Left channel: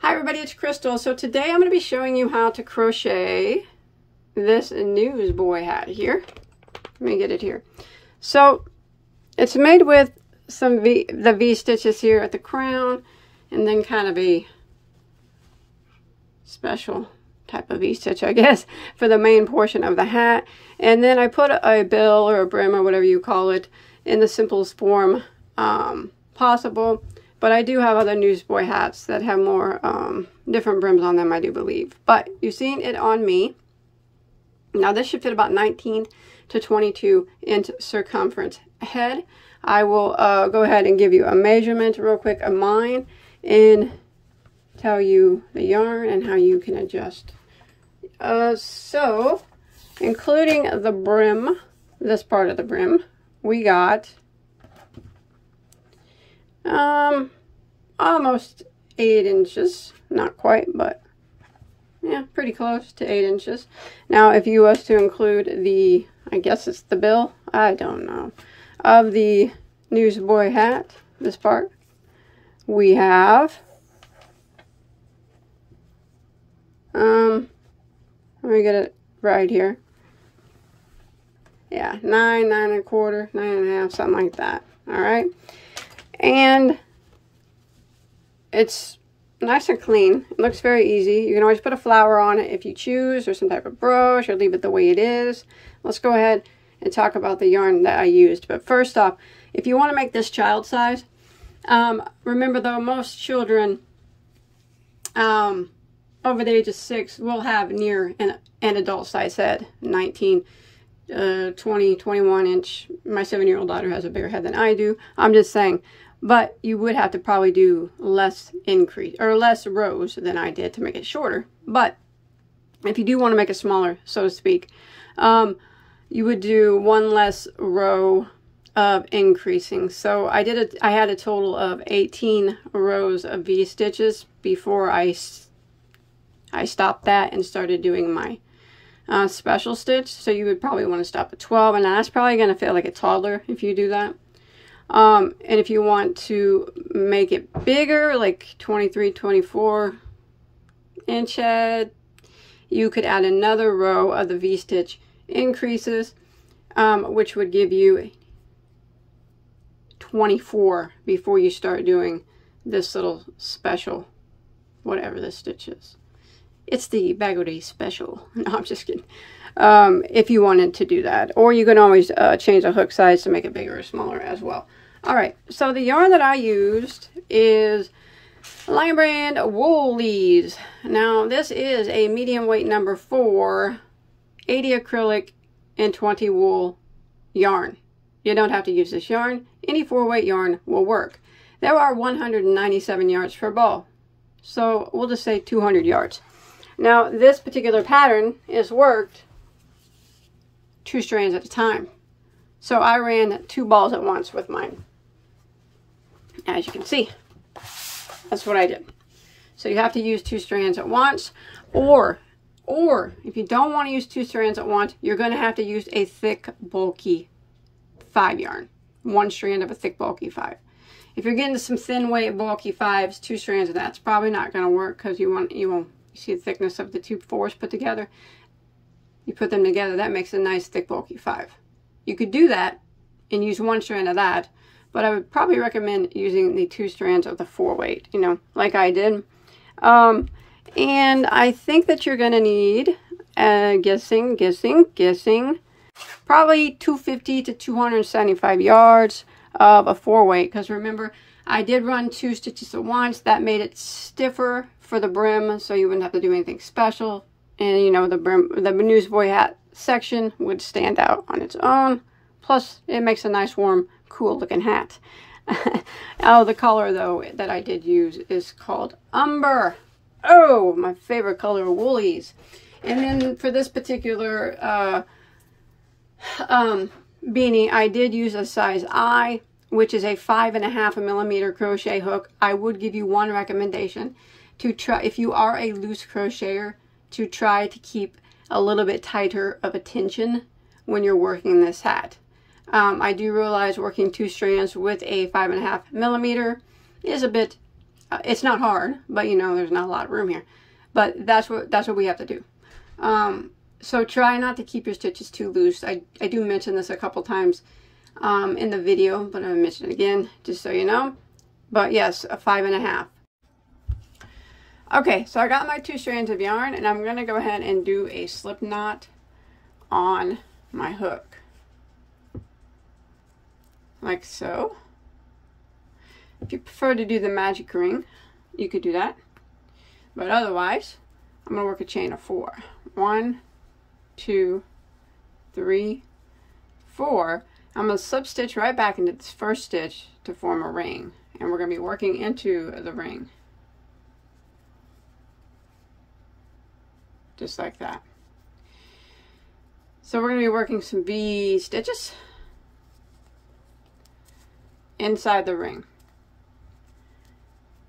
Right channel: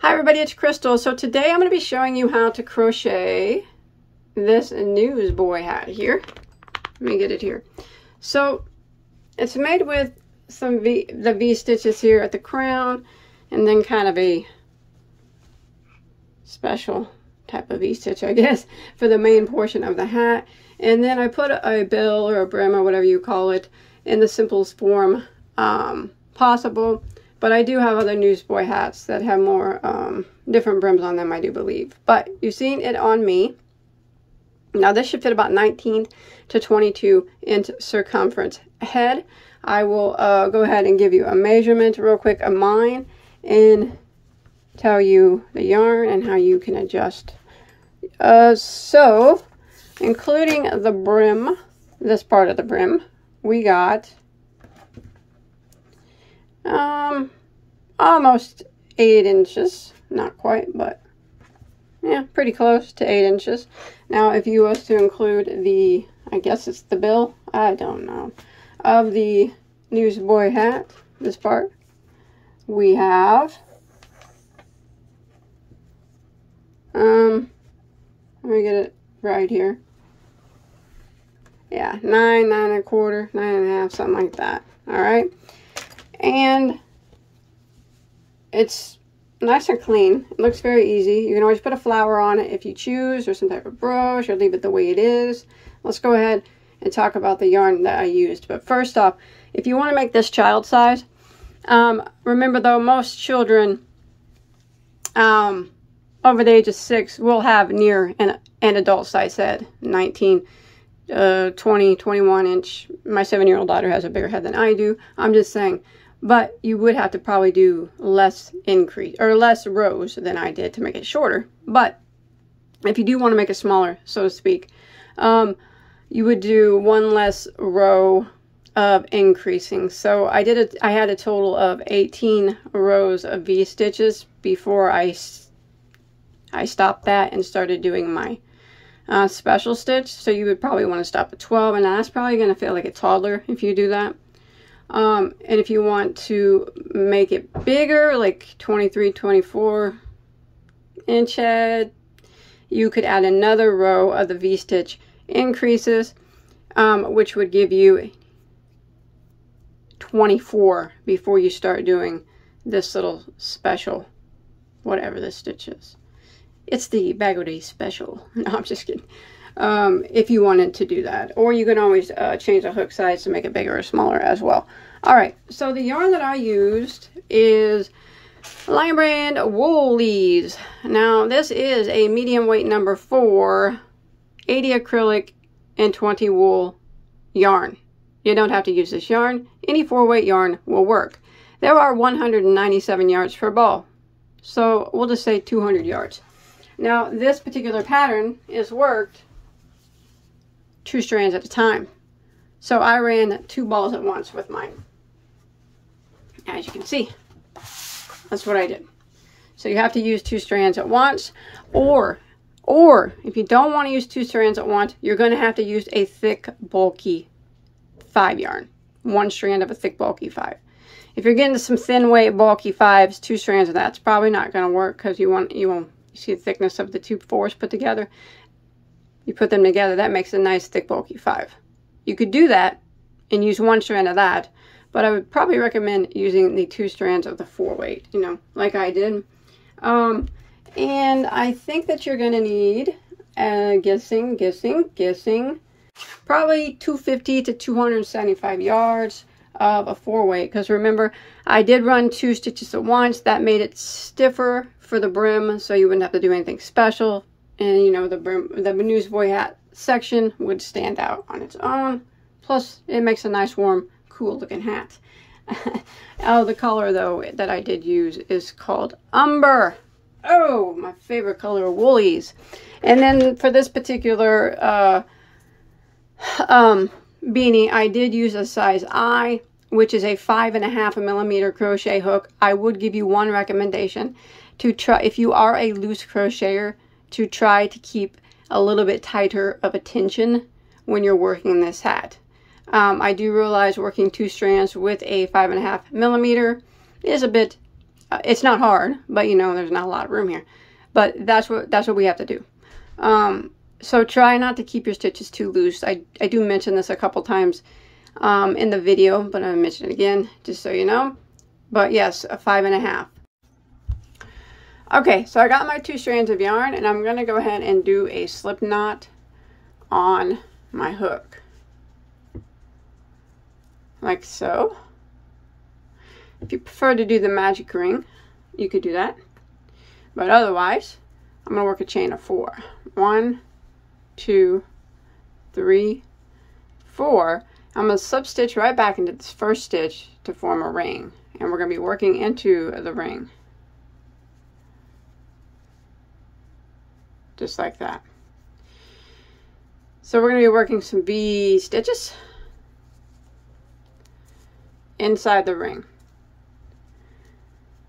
Hi everybody, it's Crystal. So today I'm going to be showing you how to crochet this Newsboy hat here. Let me get it here. So it's made with some the V stitches here at the crown, and then kind of a special type of V stitch, I guess, for the main portion of the hat. And then I put a bill or a brim or whatever you call it in the simplest form possible. But I do have other Newsboy hats that have more different brims on them, I do believe. But you've seen it on me. Now this should fit about 19 to 22 inch circumference head. I will go ahead and give you a measurement real quick of mine and tell you the yarn and how you can adjust. So, including the brim, this part of the brim, we got almost 8 inches. Not quite, but yeah, pretty close to 8 inches. Now, if you was to include the, I guess it's the bill, I don't know, of the Newsboy hat, this part, we have, let me get it right here. Yeah, 9 1/4, 9 1/2, something like that. All right. And it's nice and clean. It looks very easy. You can always put a flower on it if you choose, or some type of brooch, or leave it the way it is. Let's go ahead and talk about the yarn that I used. But first off, if you want to make this child size, remember though, most children over the age of 6 will have near an adult size head, 19, 20, 21 inch. My 7-year-old daughter has a bigger head than I do. I'm just saying. But you would have to probably do less increase or less rows than I did to make it shorter. But if you do want to make it smaller, so to speak, you would do one less row of increasing. So I had a total of 18 rows of V stitches before I stopped that and started doing my special stitch. So you would probably want to stop at 12, and that's probably going to feel like a toddler if you do that. And if you want to make it bigger, like 23, 24 inch head, you could add another row of the V-stitch increases, which would give you 24 before you start doing this little special, whatever this stitch is. It's the Bagoday special. No, I'm just kidding. If you wanted to do that. Or you can always change the hook size to make it bigger or smaller as well. Alright, so the yarn that I used is Lion Brand Woolies. Now, this is a medium weight number 4, 80 acrylic and 20 wool yarn. You don't have to use this yarn. Any 4-weight yarn will work. There are 197 yards per ball. So, we'll just say 200 yards. Now, this particular pattern is worked 2 strands at a time. So I ran 2 balls at once with mine. As you can see, that's what I did. So you have to use 2 strands at once, or if you don't want to use 2 strands at once, you're going to have to use a thick, bulky 5 yarn. 1 strand of a thick, bulky 5. If you're getting some thin weight, bulky 5s, 2 strands of that's probably not going to work, because you see the thickness of the 2 4s put together. You put them together, that makes a nice thick bulky 5. You could do that and use 1 strand of that, but I would probably recommend using the 2 strands of the 4-weight, you know, like I did. And I think that you're going to need, guessing, probably 250 to 275 yards of a 4-weight, because remember, I did run 2 stitches at once. That made it stiffer for the brim, so you wouldn't have to do anything special. And, you know, the brim, the Newsboy hat section would stand out on its own. Plus, it makes a nice, warm, cool looking hat. Oh, the color, though, that I did use is called Umber. Oh, my favorite color of woolies. And then for this particular beanie, I did use a size I, which is a 5.5 millimeter crochet hook. I would give you one recommendation to try, if you are a loose crocheter, to try to keep a little bit tighter of a tension when you're working this hat. I do realize working 2 strands with a 5.5 millimeter is a bit It's not hard, but you know, there's not a lot of room here. But that's what we have to do. So try not to keep your stitches too loose. I do mention this a couple times in the video, but I'm going to mention it again just so you know. But yes, a 5.5. Okay, so I got my 2 strands of yarn, and I'm going to go ahead and do a slip knot on my hook. Like so. If you prefer to do the magic ring, you could do that. But otherwise, I'm going to work a chain of 4. 1, 2, 3, 4. I'm going to slip stitch right back into this first stitch to form a ring. And we're going to be working into the ring. Just like that. So we're going to be working some V stitches inside the ring.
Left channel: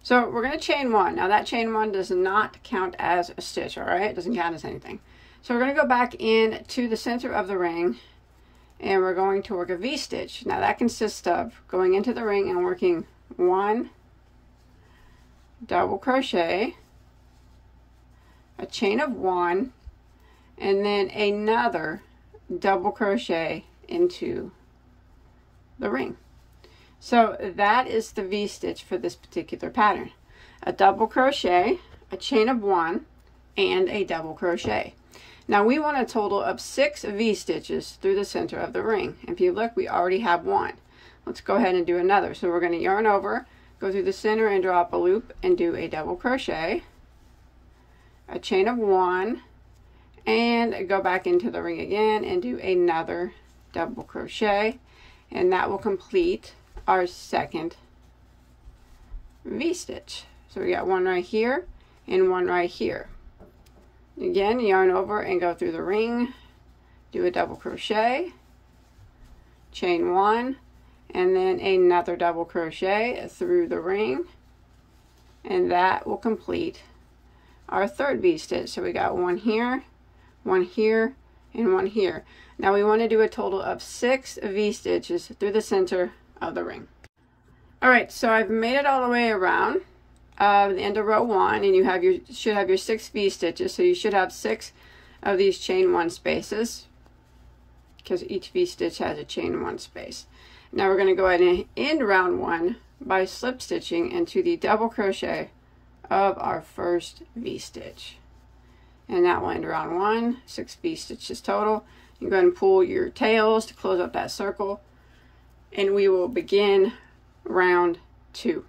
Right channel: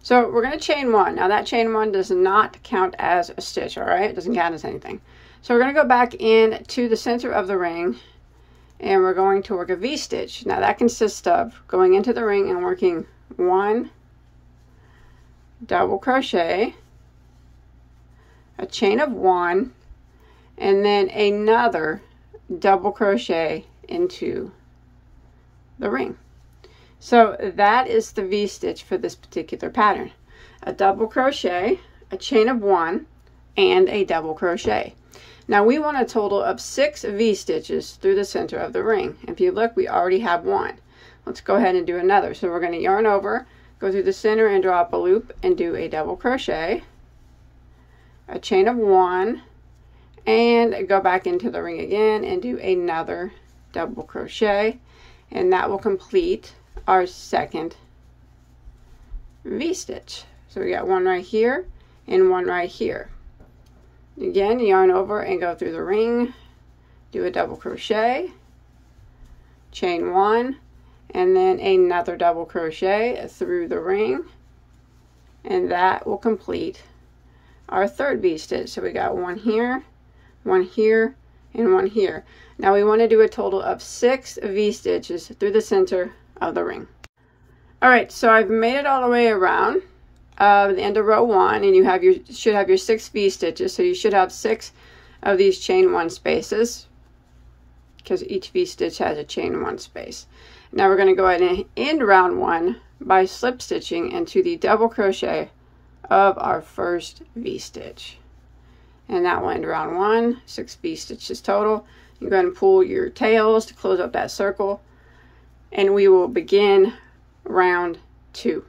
So we're going to chain 1. Now that chain 1 does not count as a stitch, all right? It doesn't count as anything. So we're going to go back in to the center of the ring, and we're going to work a V stitch. Now that consists of going into the ring and working 1 double crochet, a chain of 1, and then another double crochet into the ring. So that is the V stitch for this particular pattern. A double crochet, a chain of 1, and a double crochet. Now we want a total of 6 V stitches through the center of the ring. And if you look, we already have 1. Let's go ahead and do another. So we're going to yarn over, go through the center and draw up a loop and do a double crochet, a chain of 1, and go back into the ring again and do another double crochet, and that will complete our second V stitch. So we got 1 right here and 1 right here. Again, yarn over and go through the ring, do a double crochet, chain 1, and then another double crochet through the ring, and that will complete our third V stitch. So we got 1 here, 1 here, and 1 here. Now we want to do a total of 6 V stitches through the center of the ring. Alright, so I've made it all the way around the end of row 1, and you should have your 6 V stitches. So you should have 6 of these chain 1 spaces, because each V stitch has a chain 1 space. Now we're going to go ahead and end round 1 by slip stitching into the double crochet of our first V stitch, and that will end round 1. 6 V stitches total. You go ahead and pull your tails to close up that circle, and we will begin round 2.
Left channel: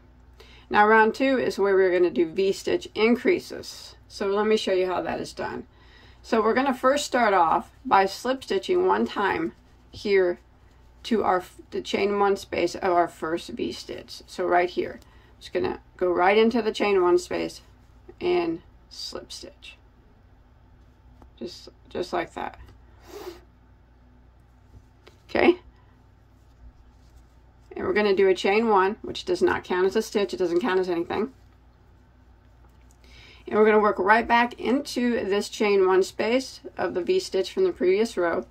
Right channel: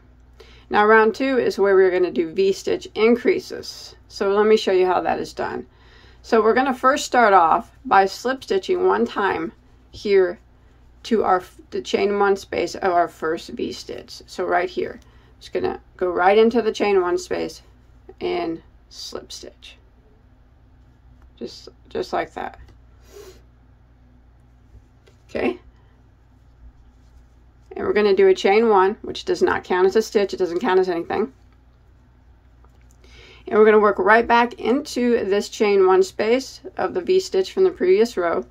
Now round 2 is where we're going to do V stitch increases. So let me show you how that is done. So we're going to first start off by slip stitching 1 time here to the chain 1 space of our first V stitch. So right here, just going to go right into the chain 1 space and slip stitch. Just like that. Okay. And we're going to do a chain 1, which does not count as a stitch. It doesn't count as anything. And we're going to work right back into this chain 1 space of the V stitch from the previous row.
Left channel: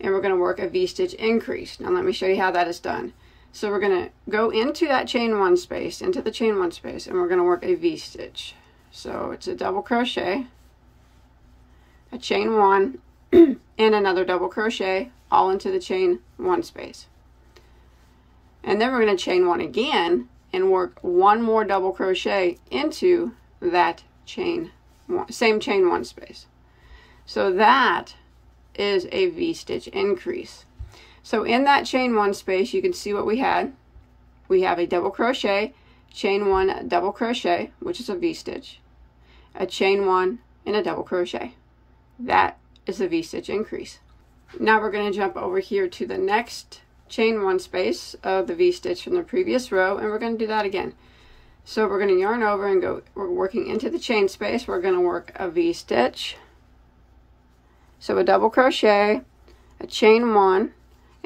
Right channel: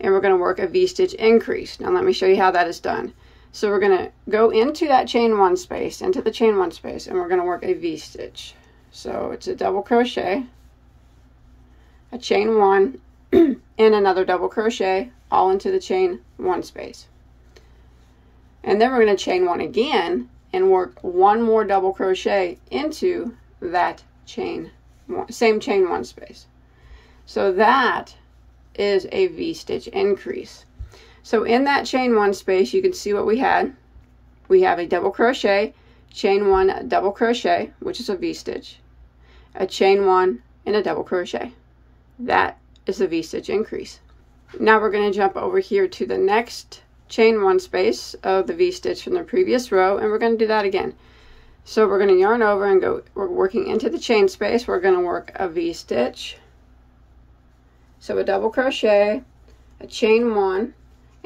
And we're going to work a V stitch increase. Now let me show you how that is done. So we're going to go into that chain 1 space, into the chain 1 space, and we're going to work a V stitch. So it's a double crochet, a chain 1, and another double crochet, all into the chain 1 space. And then we're going to chain 1 again and work 1 more double crochet into that same chain 1 space. So that is a V stitch increase. So in that chain 1 space, you can see what we had. We have a double crochet, chain 1, double crochet, which is a V stitch, a chain 1, and a double crochet. That is a V stitch increase. Now we're going to jump over here to the next chain 1 space of the V stitch from the previous row, and we're going to do that again. So we're going to yarn over and we're working into the chain space. We're going to work a V stitch, so a double crochet, a chain 1,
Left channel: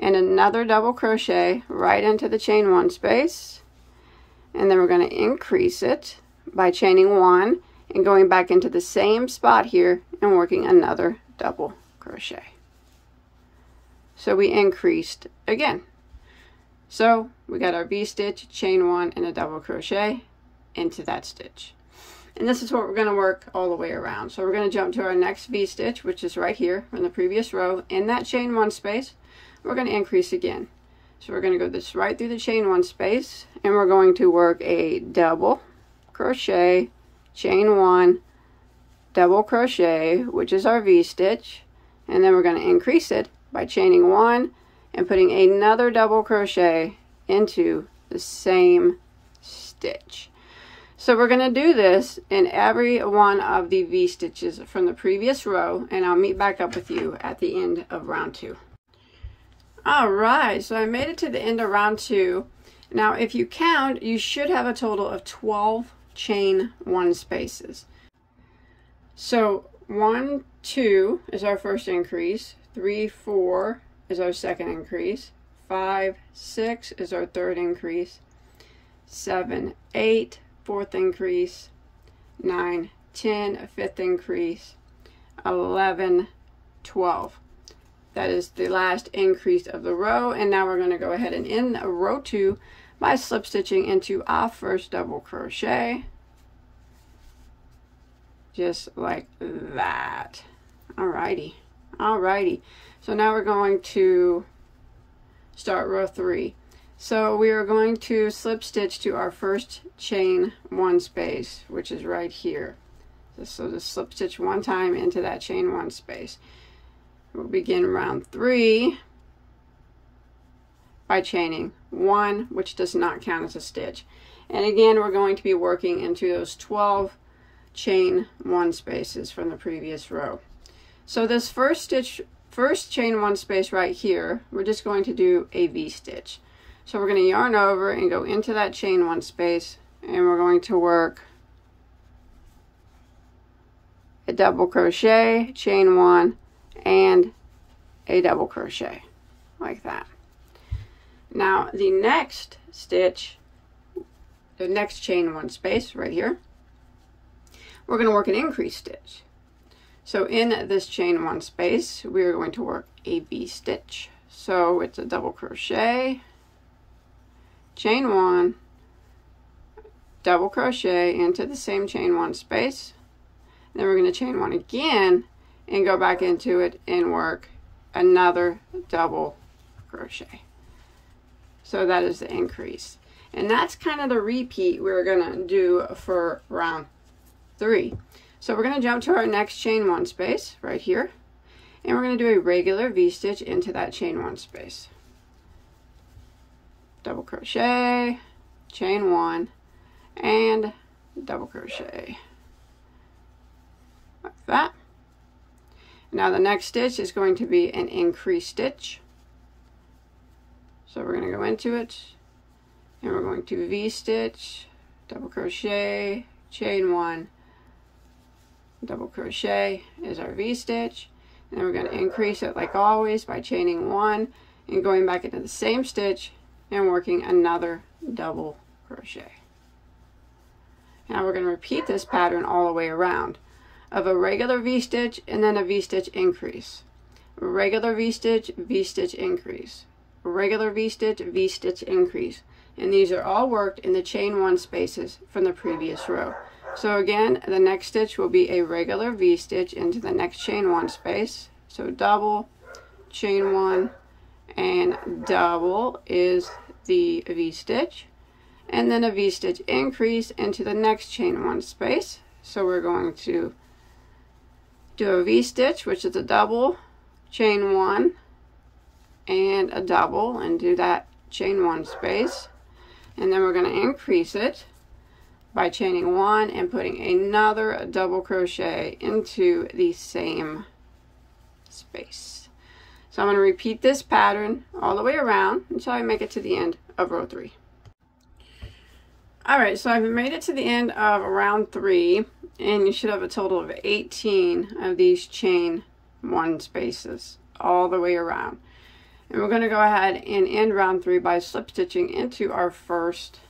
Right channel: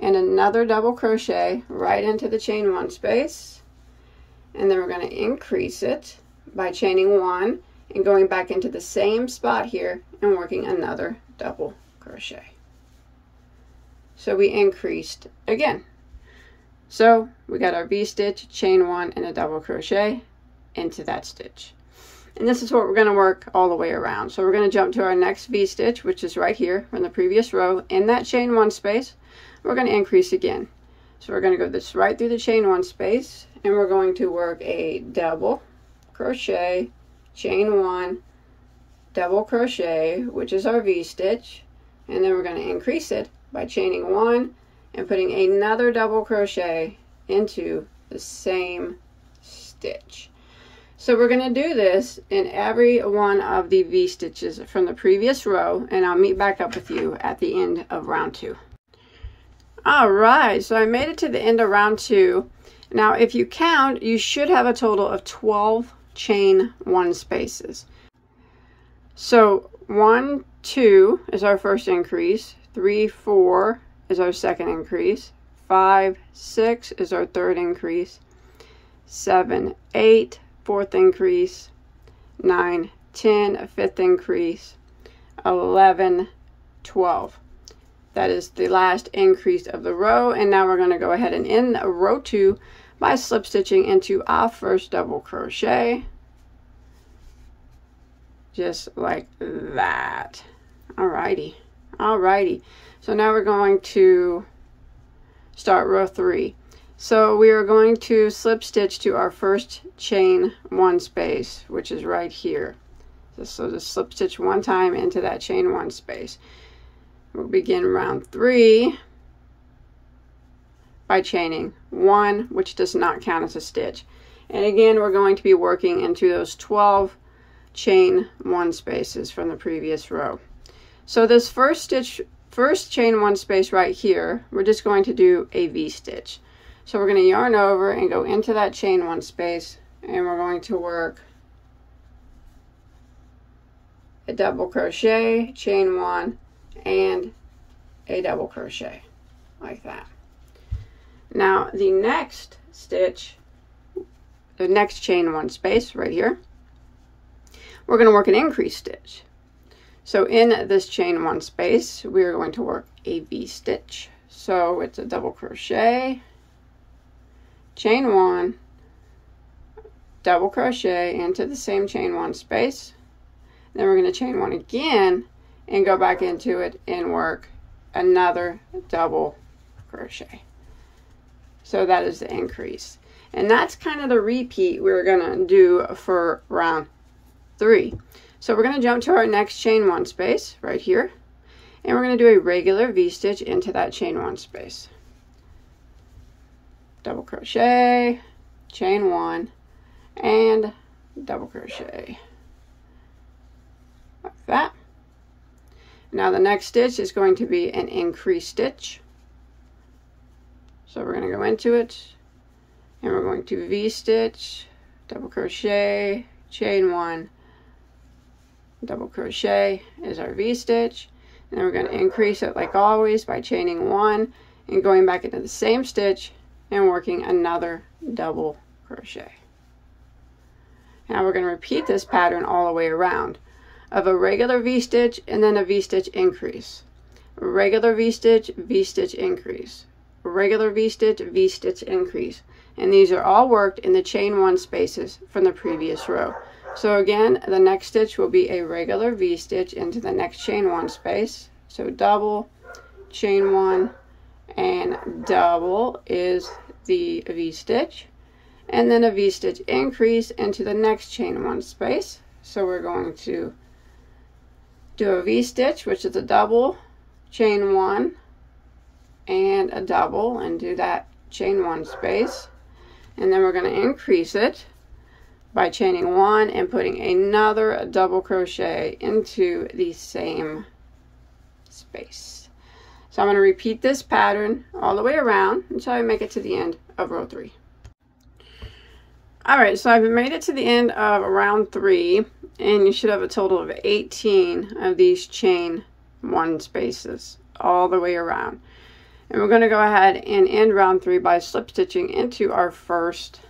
and another double crochet right into the chain 1 space, and then we're going to increase it by chaining 1 and going back into the same spot here and working another double crochet. So we increased again. So we got our V stitch, chain 1, and a double crochet, into that stitch. And this is what we're going to work all the way around. So we're going to jump to our next V-stitch, which is right here from the previous row. In that chain 1 space, we're going to increase again. So we're going to go this right through the chain 1 space, and we're going to work a double crochet, chain 1, double crochet, which is our V-stitch, and then we're going to increase it by chaining 1 and putting another double crochet into the same stitch. So we're going to do this in every one of the V-stitches from the previous row, and I'll meet back up with you at the end of round 2. Alright, so I made it to the end of round 2. Now if you count, you should have a total of 12 chain 1 spaces. So 1, 2 is our first increase, 3, 4 is our second increase, 5, 6 is our third increase, 7, 8, fourth increase, 9, 10, a fifth increase, 11, 12. That is the last increase of the row, and now we're going to go ahead and end row 2 by slip stitching into our first double crochet, just like that. Alrighty, so now we're going to start row 3. So we are going to slip stitch to our first chain 1 space, which is right here. So just slip stitch 1 time into that chain 1 space. We'll begin round 3 by chaining 1, which does not count as a stitch. And again, we're going to be working into those 12 chain 1 spaces from the previous row. So this first chain 1 space right here, we're just going to do a V-stitch. So we're going to yarn over and go into that chain 1 space, and we're going to work a double crochet, chain 1, and a double crochet, like that. Now the next stitch, the next chain 1 space right here, we're going to work an increase stitch. So in this chain 1 space, we are going to work a V-stitch. So it's a double crochet, chain 1, double crochet into the same chain 1 space. Then we're going to chain 1 again and go back into it and work another double crochet. So that is the increase. And that's kind of the repeat we're going to do for round 3. So we're going to jump to our next chain 1 space right here, and we're going to do a regular V-stitch into that chain 1 space. Double crochet, chain 1, and double crochet, like that. Now the next stitch is going to be an increase stitch. So we're going to go into it, and we're going to V-stitch, double crochet, chain 1, double crochet is our V-stitch. And then we're going to increase it like always by chaining 1 and going back into the same stitch and working another double crochet. Now we're going to repeat this pattern all the way around of a regular V-stitch and then a V-stitch increase. Regular V-stitch, V-stitch increase. Regular V-stitch, V-stitch increase. And these are all worked in the chain 1 spaces from the previous row. So again, the next stitch will be a regular V-stitch into the next chain 1 space. So double, chain 1, and double is the V-stitch. And then a V-stitch increase into the next chain 1 space. So we're going to do a V-stitch, which is a double, chain 1, and a double, and do that chain 1 space. And then we're going to increase it by chaining 1 and putting another double crochet into the same space. So I'm going to repeat this pattern all the way around until I make it to the end of row 3. Alright, so I've made it to the end of round 3, and you should have a total of 18 of these chain 1 spaces all the way around. And we're going to go ahead and end round 3 by slip stitching into our first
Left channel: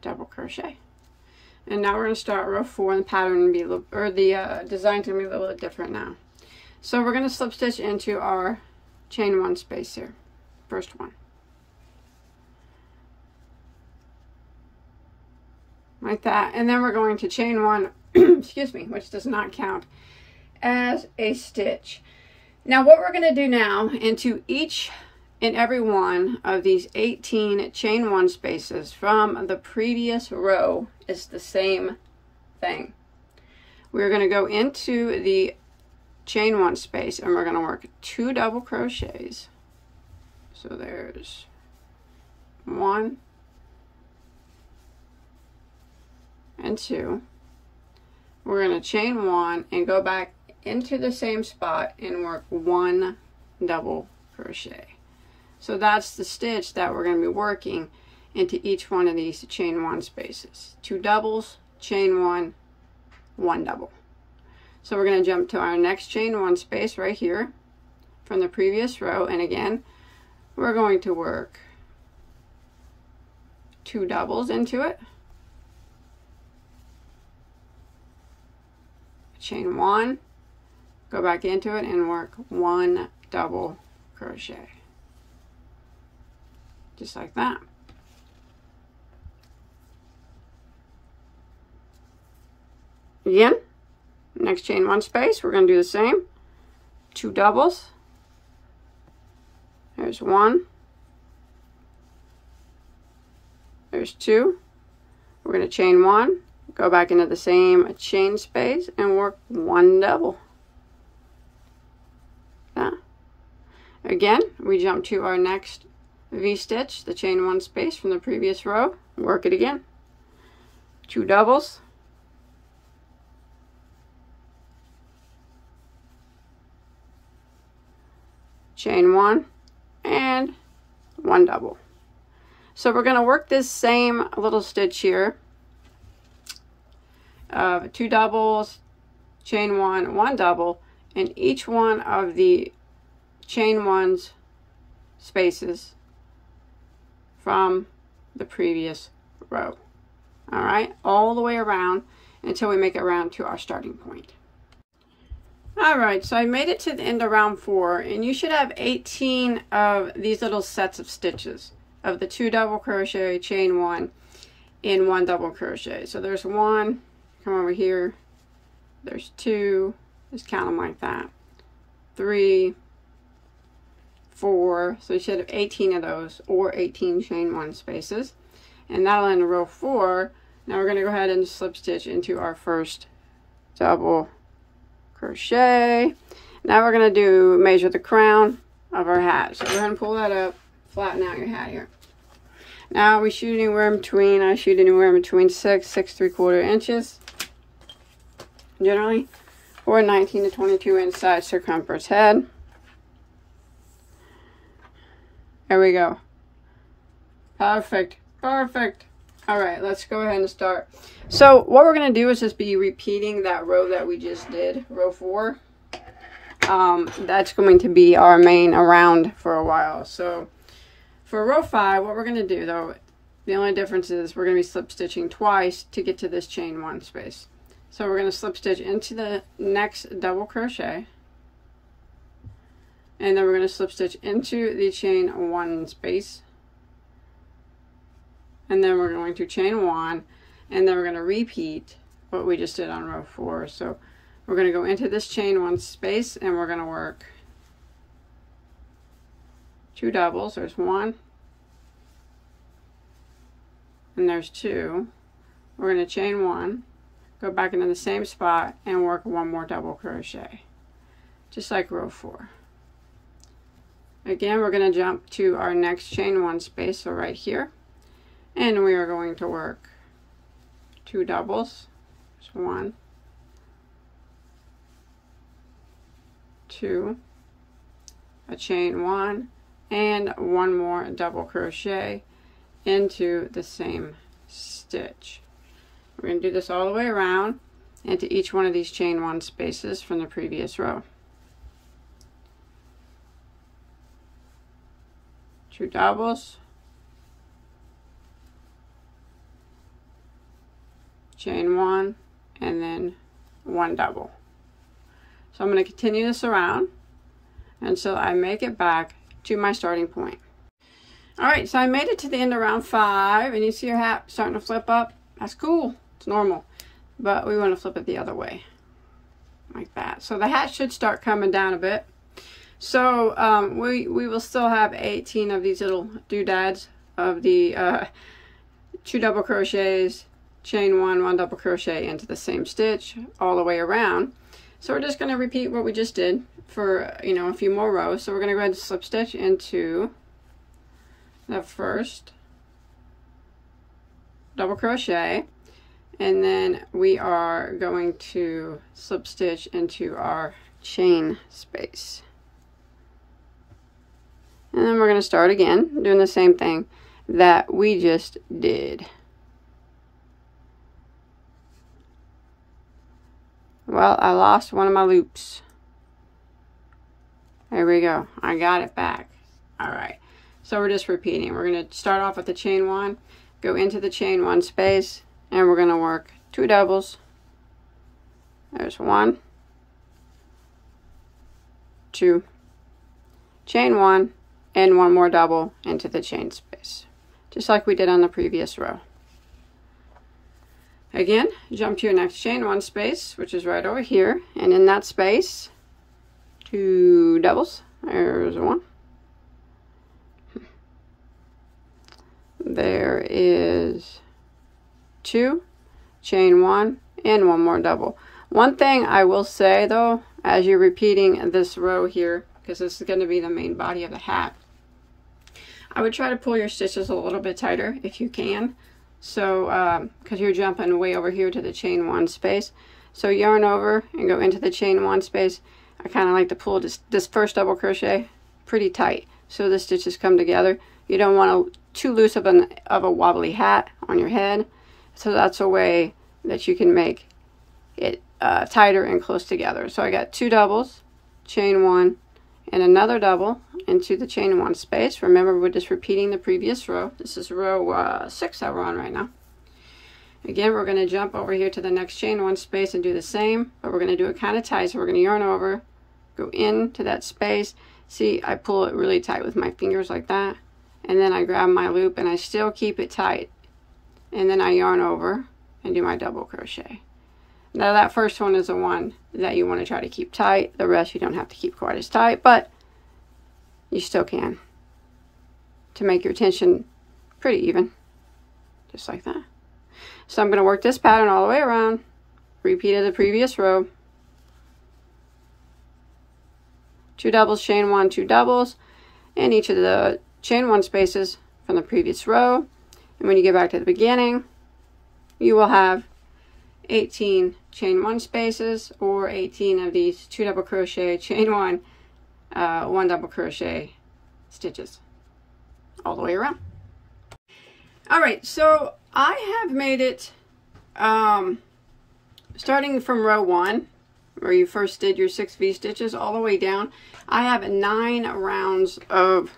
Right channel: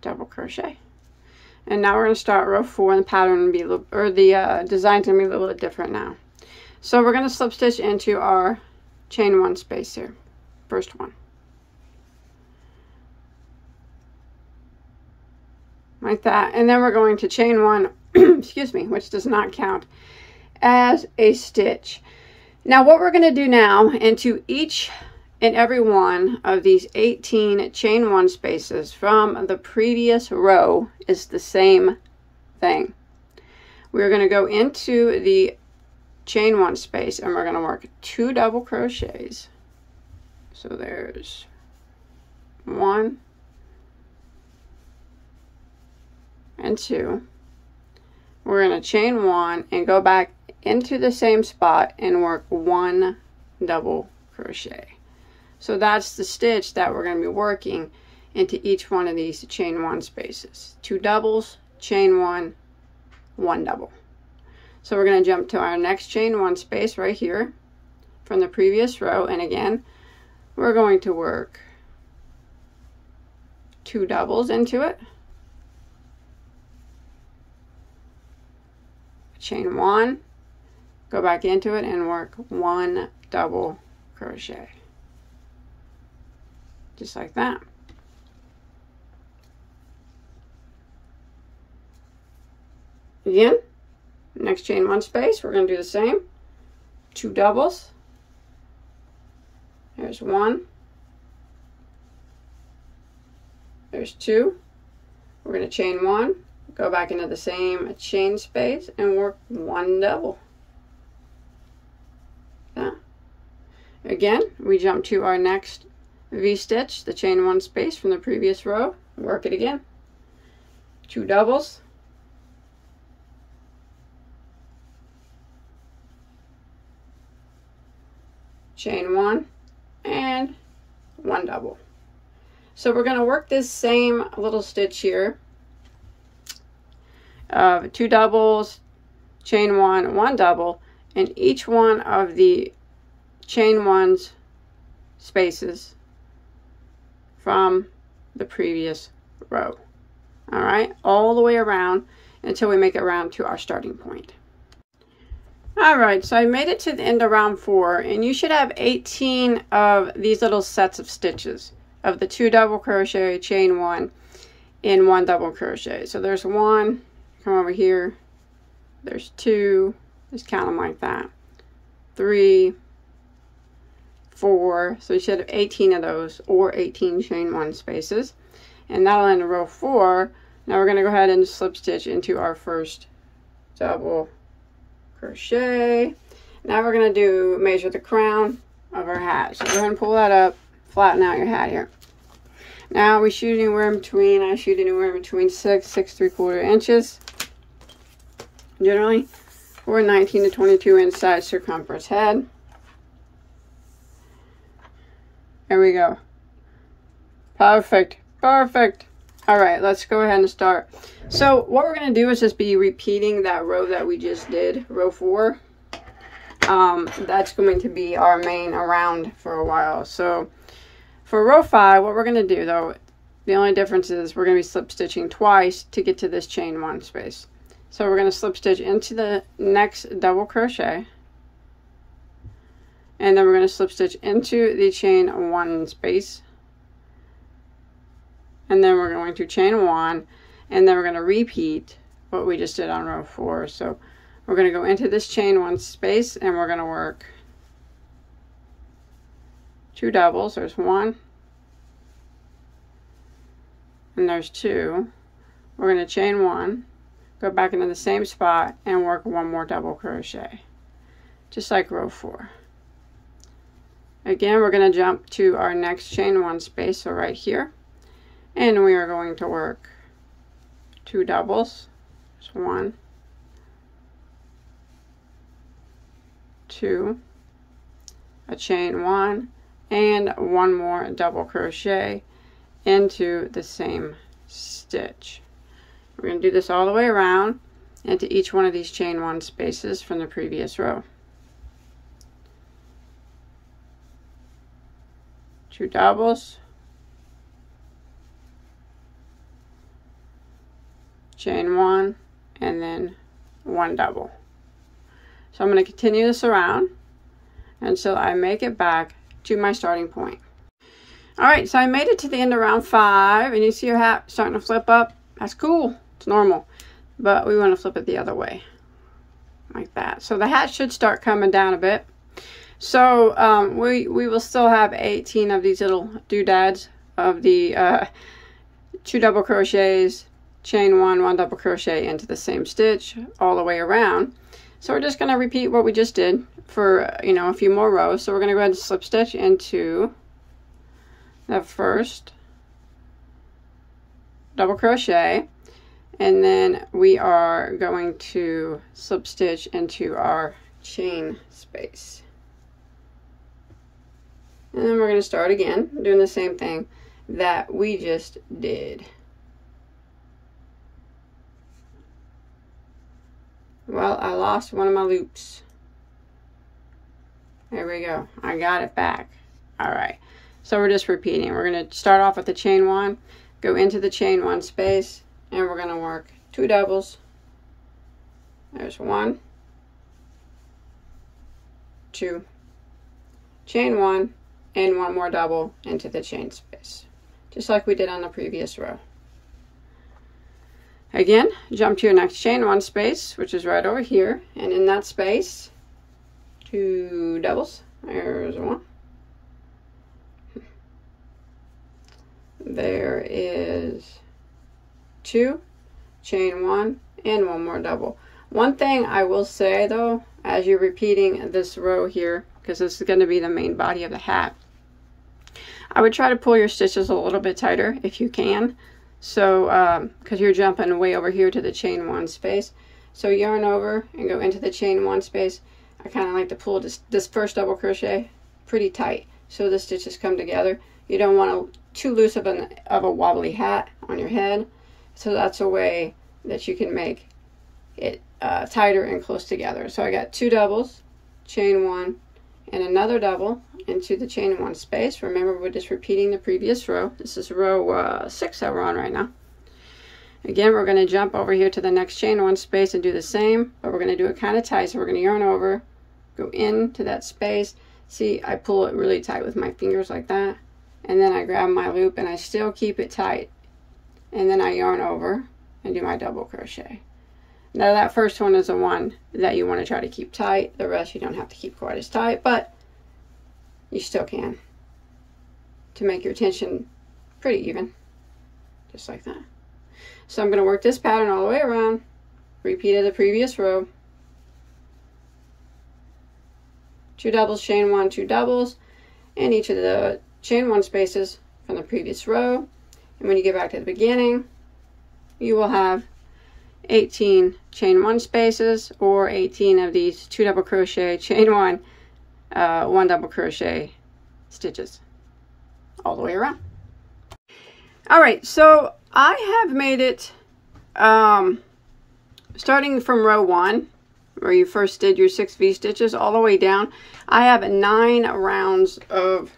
double crochet. And now we're going to start row 4, and the pattern will be a little, or the design's going to be a little bit different now. So we're going to slip stitch into our chain 1 space here, first one. like that. And then we're going to chain one, excuse me, which does not count as a stitch. Now what we're going to do now, into each and every one of these 18 chain one spaces from the previous row is the same thing. We're going to go into the chain one space and we're going to work 2 double crochets. So there's 1 and 2. We're going to chain 1 and go back into the same spot and work 1 double crochet. So that's the stitch that we're going to be working into each one of these chain 1 spaces. 2 doubles, chain 1, 1 double. So we're going to jump to our next chain 1 space right here from the previous row, and again we're going to work 2 doubles into it, chain 1, go back into it and work 1 double crochet, just like that. Again, next chain 1 space, we're going to do the same. 2 doubles. There's 1. There's 2. We're going to chain 1, go back into the same chain space and work 1 double. Again, we jump to our next V-stitch, the chain 1 space from the previous row, work it again. 2 doubles. Chain 1 and 1 double. So we're going to work this same little stitch here of 2 doubles, chain 1, 1 double, and each one of the chain 1's spaces from the previous row. All right, all the way around until we make it around to our starting point. All right, so I made it to the end of round 4, and you should have 18 of these little sets of stitches of the 2 double crochet, chain 1, and 1 double crochet. So there's 1, come over here, there's 2, just count them like that, 3, 4, so you should have 18 of those, or 18 chain 1 spaces, and that'll end row 4. Now we're going to go ahead and slip stitch into our first double crochet. Now we're going to measure the crown of our hat. So go ahead and pull that up, flatten out your hat here. Now we shoot anywhere in between, I shoot anywhere in between 6 3/4 inches, generally, for a 19 to 22 inch side circumference head. There we go. Perfect, perfect. All right, let's go ahead and start. So what we're going to do is just be repeating that row that we just did, row 4. That's going to be our main around for a while. So for row 5, what we're going to do though, the only difference is we're going to be slip stitching twice to get to this chain 1 space. So we're going to slip stitch into the next double crochet, and then we're going to slip stitch into the chain 1 space, and then we're going to chain 1, and then we're going to repeat what we just did on row 4. So we're going to go into this chain 1 space and we're going to work 2 doubles. There's 1 and there's 2. We're going to chain 1, go back into the same spot and work 1 more double crochet, just like row 4. Again, we're going to jump to our next chain 1 space, so right here, and we are going to work 2 doubles. There's 1, 2, a chain 1, and 1 more double crochet into the same stitch. We're going to do this all the way around into each one of these chain 1 spaces from the previous row. 2 doubles, chain 1, and then 1 double. So I'm going to continue this around until I make it back to my starting point. Alright, so I made it to the end of round 5, and you see your hat starting to flip up That's cool. It's normal. But we want to flip it the other way. Like that. So the hat should start coming down a bit. So we will still have 18 of these little doodads of the 2 double crochets, chain 1 double crochet into the same stitch all the way around. So we're just going to repeat what we just did for, you know, a few more rows. So we're going to go ahead and slip stitch into the first double crochet, and then we are going to slip stitch into our chain space. And then we're going to start again doing the same thing that we just did. Well, I lost one of my loops. There we go. I got it back. All right. So we're just repeating. We're going to start off with the chain 1, go into the chain 1 space, and we're going to work 2 doubles. There's 1, 2, chain 1, and 1 more double into the chain space, just like we did on the previous row. Again, jump to your next chain 1 space, which is right over here, and in that space, 2 doubles. There's 1. There is 2, chain 1, and 1 more double. One thing I will say though, as you're repeating this row here, because this is going to be the main body of the hat, I would try to pull your stitches a little bit tighter if you can. So, because you're jumping way over here to the chain 1 space. So yarn over and go into the chain 1 space. I kind of like to pull this first double crochet pretty tight so the stitches come together. You don't want too loose of a wobbly hat on your head. So that's a way that you can make it tighter and close together. So I got 2 doubles, chain 1, and another double into the chain 1 space. Remember, we're just repeating the previous row. This is row 6 that we're on right now. Again, we're going to jump over here to the next chain 1 space and do the same, but we're going to do it kind of tight. So we're going to yarn over, go into that space. See, I pull it really tight with my fingers like that, and then I grab my loop and I still keep it tight, and then I yarn over and do my double crochet. Now that first one is the one that you want to try to keep tight. The rest you don't have to keep quite as tight, but you still can, to make your tension pretty even, just like that. So I'm going to work this pattern all the way around, repeated the previous row. 2 doubles, chain 1, 2 doubles, in each of the chain 1 spaces from the previous row. And when you get back to the beginning, you will have 18 chain 1 spaces, or 18 of these 2 double crochet, chain 1, 1 double crochet stitches all the way around. All right, so I have made it starting from row 1, where you first did your 6 V-stitches, all the way down. I have 9 rounds of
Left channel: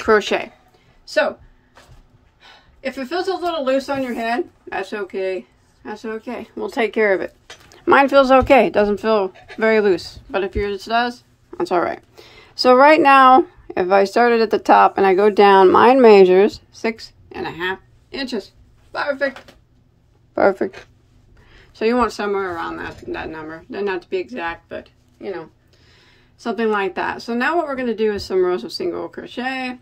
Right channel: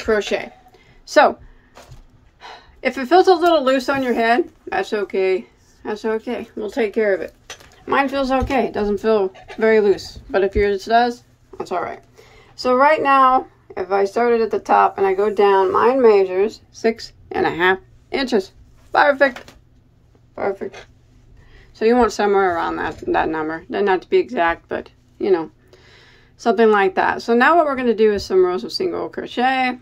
crochet. So if it feels a little loose on your head, that's okay. That's okay. We'll take care of it. Mine feels okay. It doesn't feel very loose. But if yours does, that's all right. So right now, if I started at the top and I go down, mine measures 6.5 inches. Perfect. Perfect. So you want somewhere around that number. Doesn't have to be exact, but you know, something like that. So now what we're going to do is some rows of single crochet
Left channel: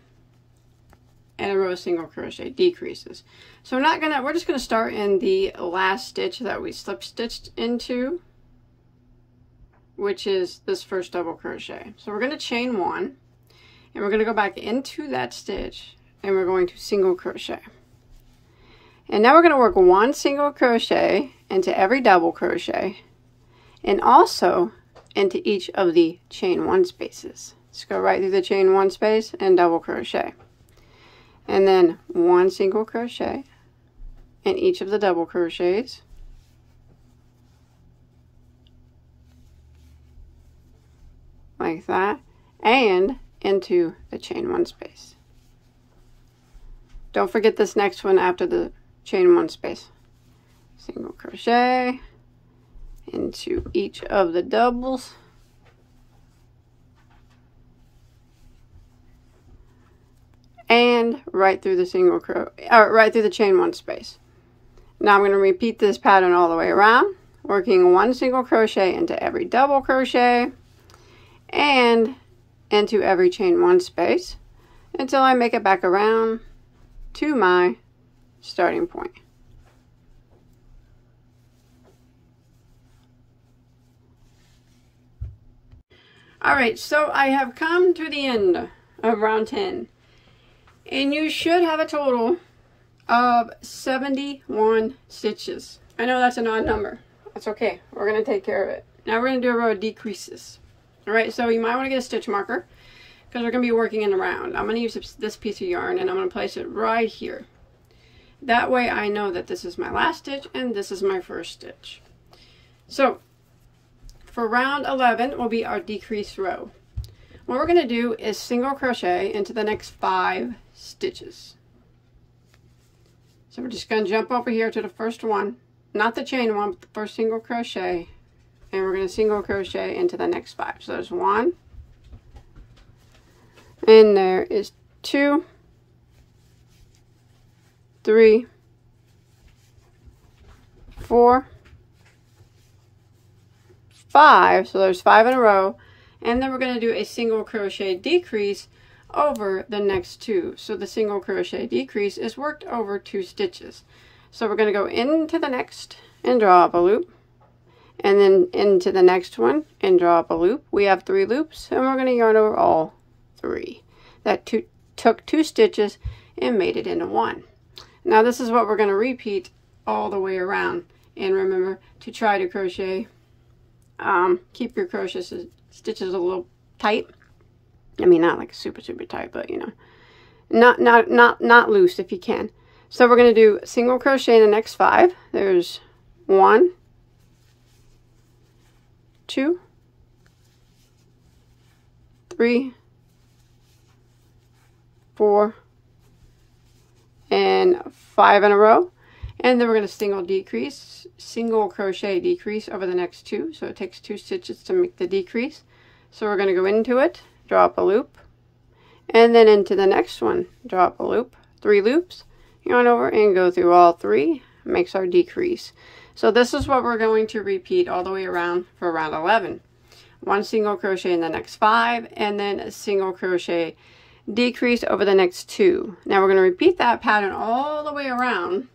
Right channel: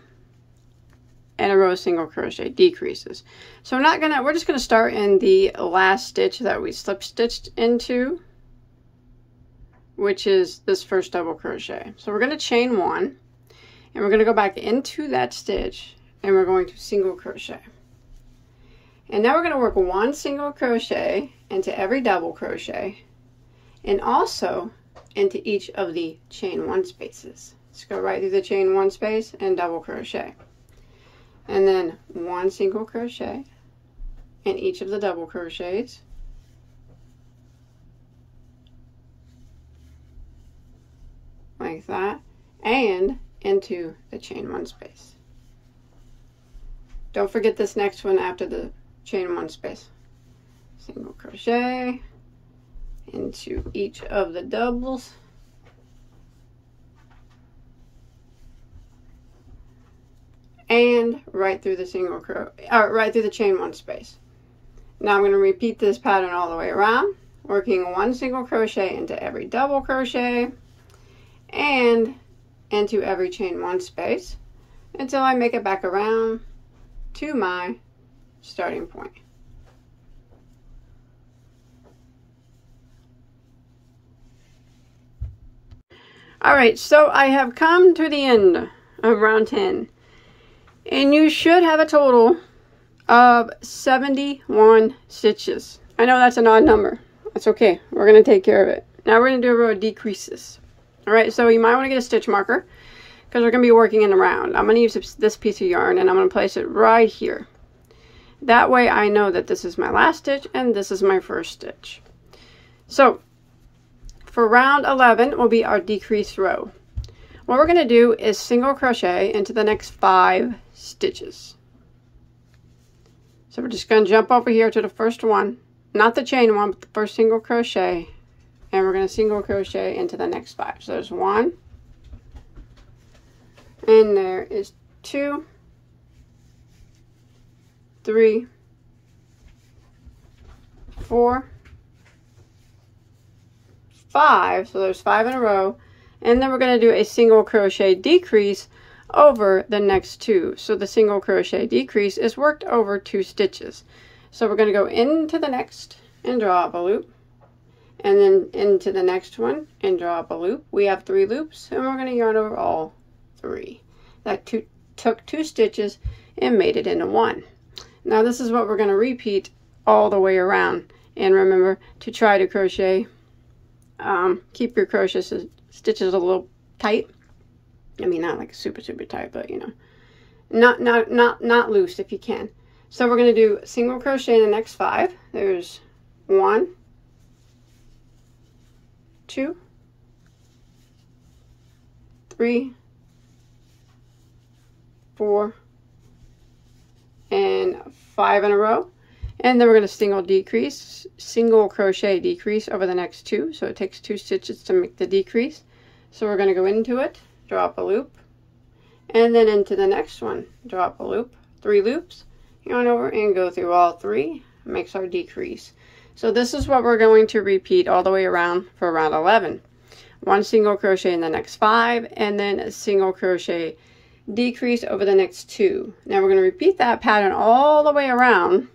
and a row of single crochet decreases. So we're just gonna start in the last stitch that we slip stitched into, which is this first double crochet. So we're gonna chain 1, and we're gonna go back into that stitch, and we're going to single crochet. And now we're gonna work 1 single crochet into every double crochet, and also into each of the chain 1 spaces. Just go right through the chain 1 space and double crochet. And then 1 single crochet in each of the double crochets, like that, and into the chain 1 space. Don't forget this next one after the chain 1 space. Single crochet into each of the doubles, and right through the right through the chain 1 space. Now I'm going to repeat this pattern all the way around, working 1 single crochet into every double crochet and into every chain 1 space until I make it back around to my starting point. Alright, so I have come to the end of round 10, and you should have a total of 71 stitches. I know that's an odd number. That's okay. We're going to take care of it. Now we're going to do a row of decreases. Alright, so you might want to get a stitch marker because we're going to be working in a round. I'm going to use this piece of yarn and I'm going to place it right here. That way I know that this is my last stitch and this is my first stitch. So for round 11 will be our decrease row. What we're going to do is single crochet into the next 5 stitches. So we're just going to jump over here to the first one, not the chain one, but the first single crochet, and we're going to single crochet into the next 5. So there's 1, and there is 2, 3, 4, 5, so there's 5 in a row, and then we're going to do a single crochet decrease over the next 2. So the single crochet decrease is worked over 2 stitches. So we're going to go into the next and draw up a loop, and then into the next one and draw up a loop. We have 3 loops, and we're going to yarn over all 3. That took 2 stitches and made it into 1. Now this is what we're going to repeat all the way around, and remember to try to crochet. Keep your crochet stitches a little tight. I mean, not like super tight, but you know, not loose if you can. So we're going to do single crochet in the next 5. There's 1, 2, 3, 4, and 5 in a row. And then we're going to single crochet decrease over the next 2. So it takes 2 stitches to make the decrease. So we're going to go into it, draw up a loop, and then into the next one, draw up a loop, 3 loops, yarn over and go through all 3, makes our decrease. So this is what we're going to repeat all the way around for round 11. 1 single crochet in the next 5, and then a single crochet decrease over the next 2. Now we're going to repeat that pattern all the way around.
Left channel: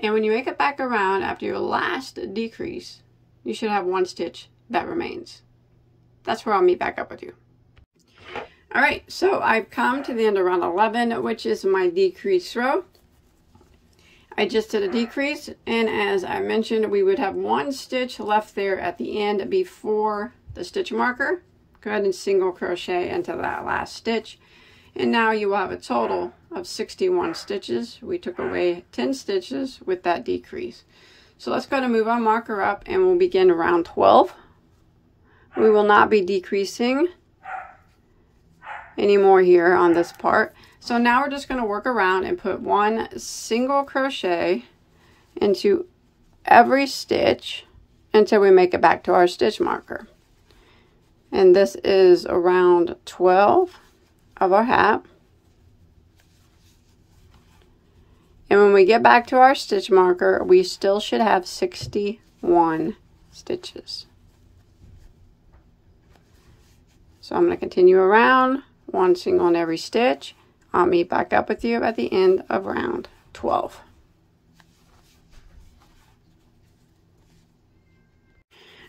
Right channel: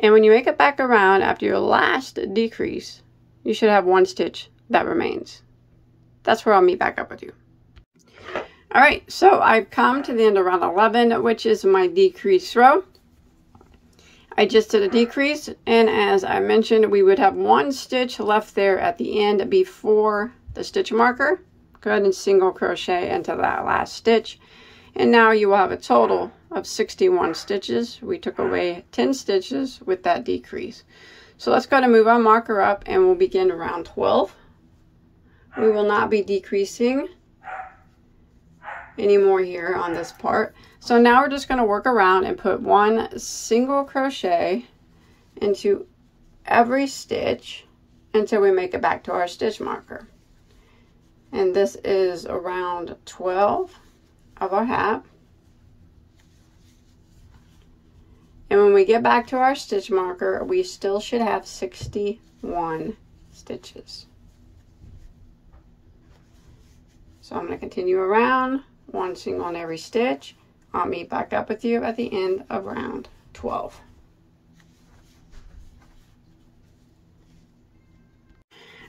And when you make it back around after your last decrease, you should have 1 stitch that remains. That's where I'll meet back up with you. Alright, so I've come to the end of round 11, which is my decrease row. I just did a decrease, and as I mentioned, we would have 1 stitch left there at the end before the stitch marker. Go ahead and single crochet into that last stitch. And now you will have a total of 61 stitches. We took away 10 stitches with that decrease. So let's go ahead and move our marker up, and we'll begin round 12. We will not be decreasing anymore here on this part. So now we're just going to work around and put 1 single crochet into every stitch until we make it back to our stitch marker. And this is around 12 of our hat. And when we get back to our stitch marker, we still should have 61 stitches. So I'm going to continue around, 1 single in every stitch. I'll meet back up with you at the end of round 12.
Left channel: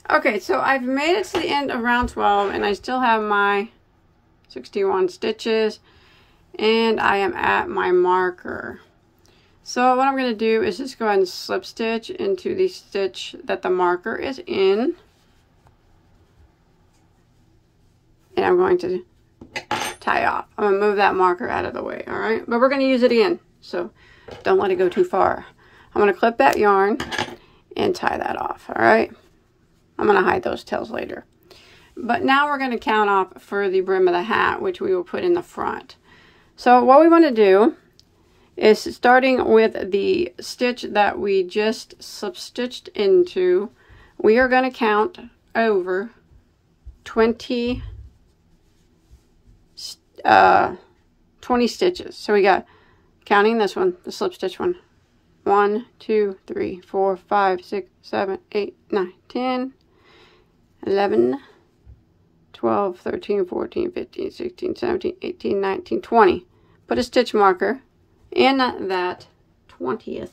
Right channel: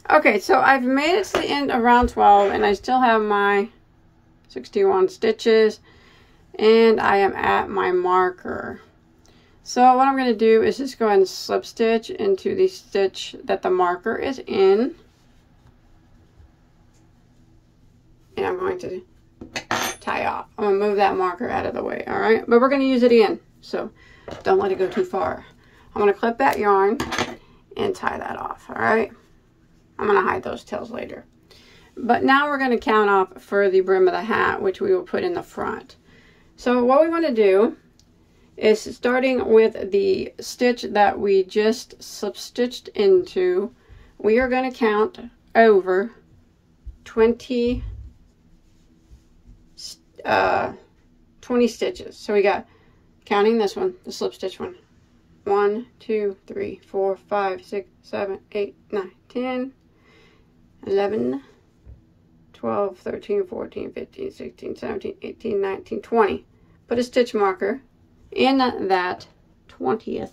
Okay, so I've made it to the end of round 12, and I still have my 61 stitches, and I am at my marker. So what I'm going to do is just go ahead and slip stitch into the stitch that the marker is in, and I'm going to tie off. I'm going to move that marker out of the way, all right? But we're going to use it again, so don't let it go too far. I'm going to clip that yarn and tie that off, all right? I'm going to hide those tails later. But now we're going to count off for the brim of the hat, which we will put in the front. So what we want to do is, starting with the stitch that we just slip stitched into, we are going to count over 20 stitches. So we got, counting this one, the slip stitch one, 1, 2, 3, 4, 5, 6, 7, 8, 9, 10, 11, 12, 13, 14, 15, 16, 17, 18, 19, 20. Put a stitch marker in that 20th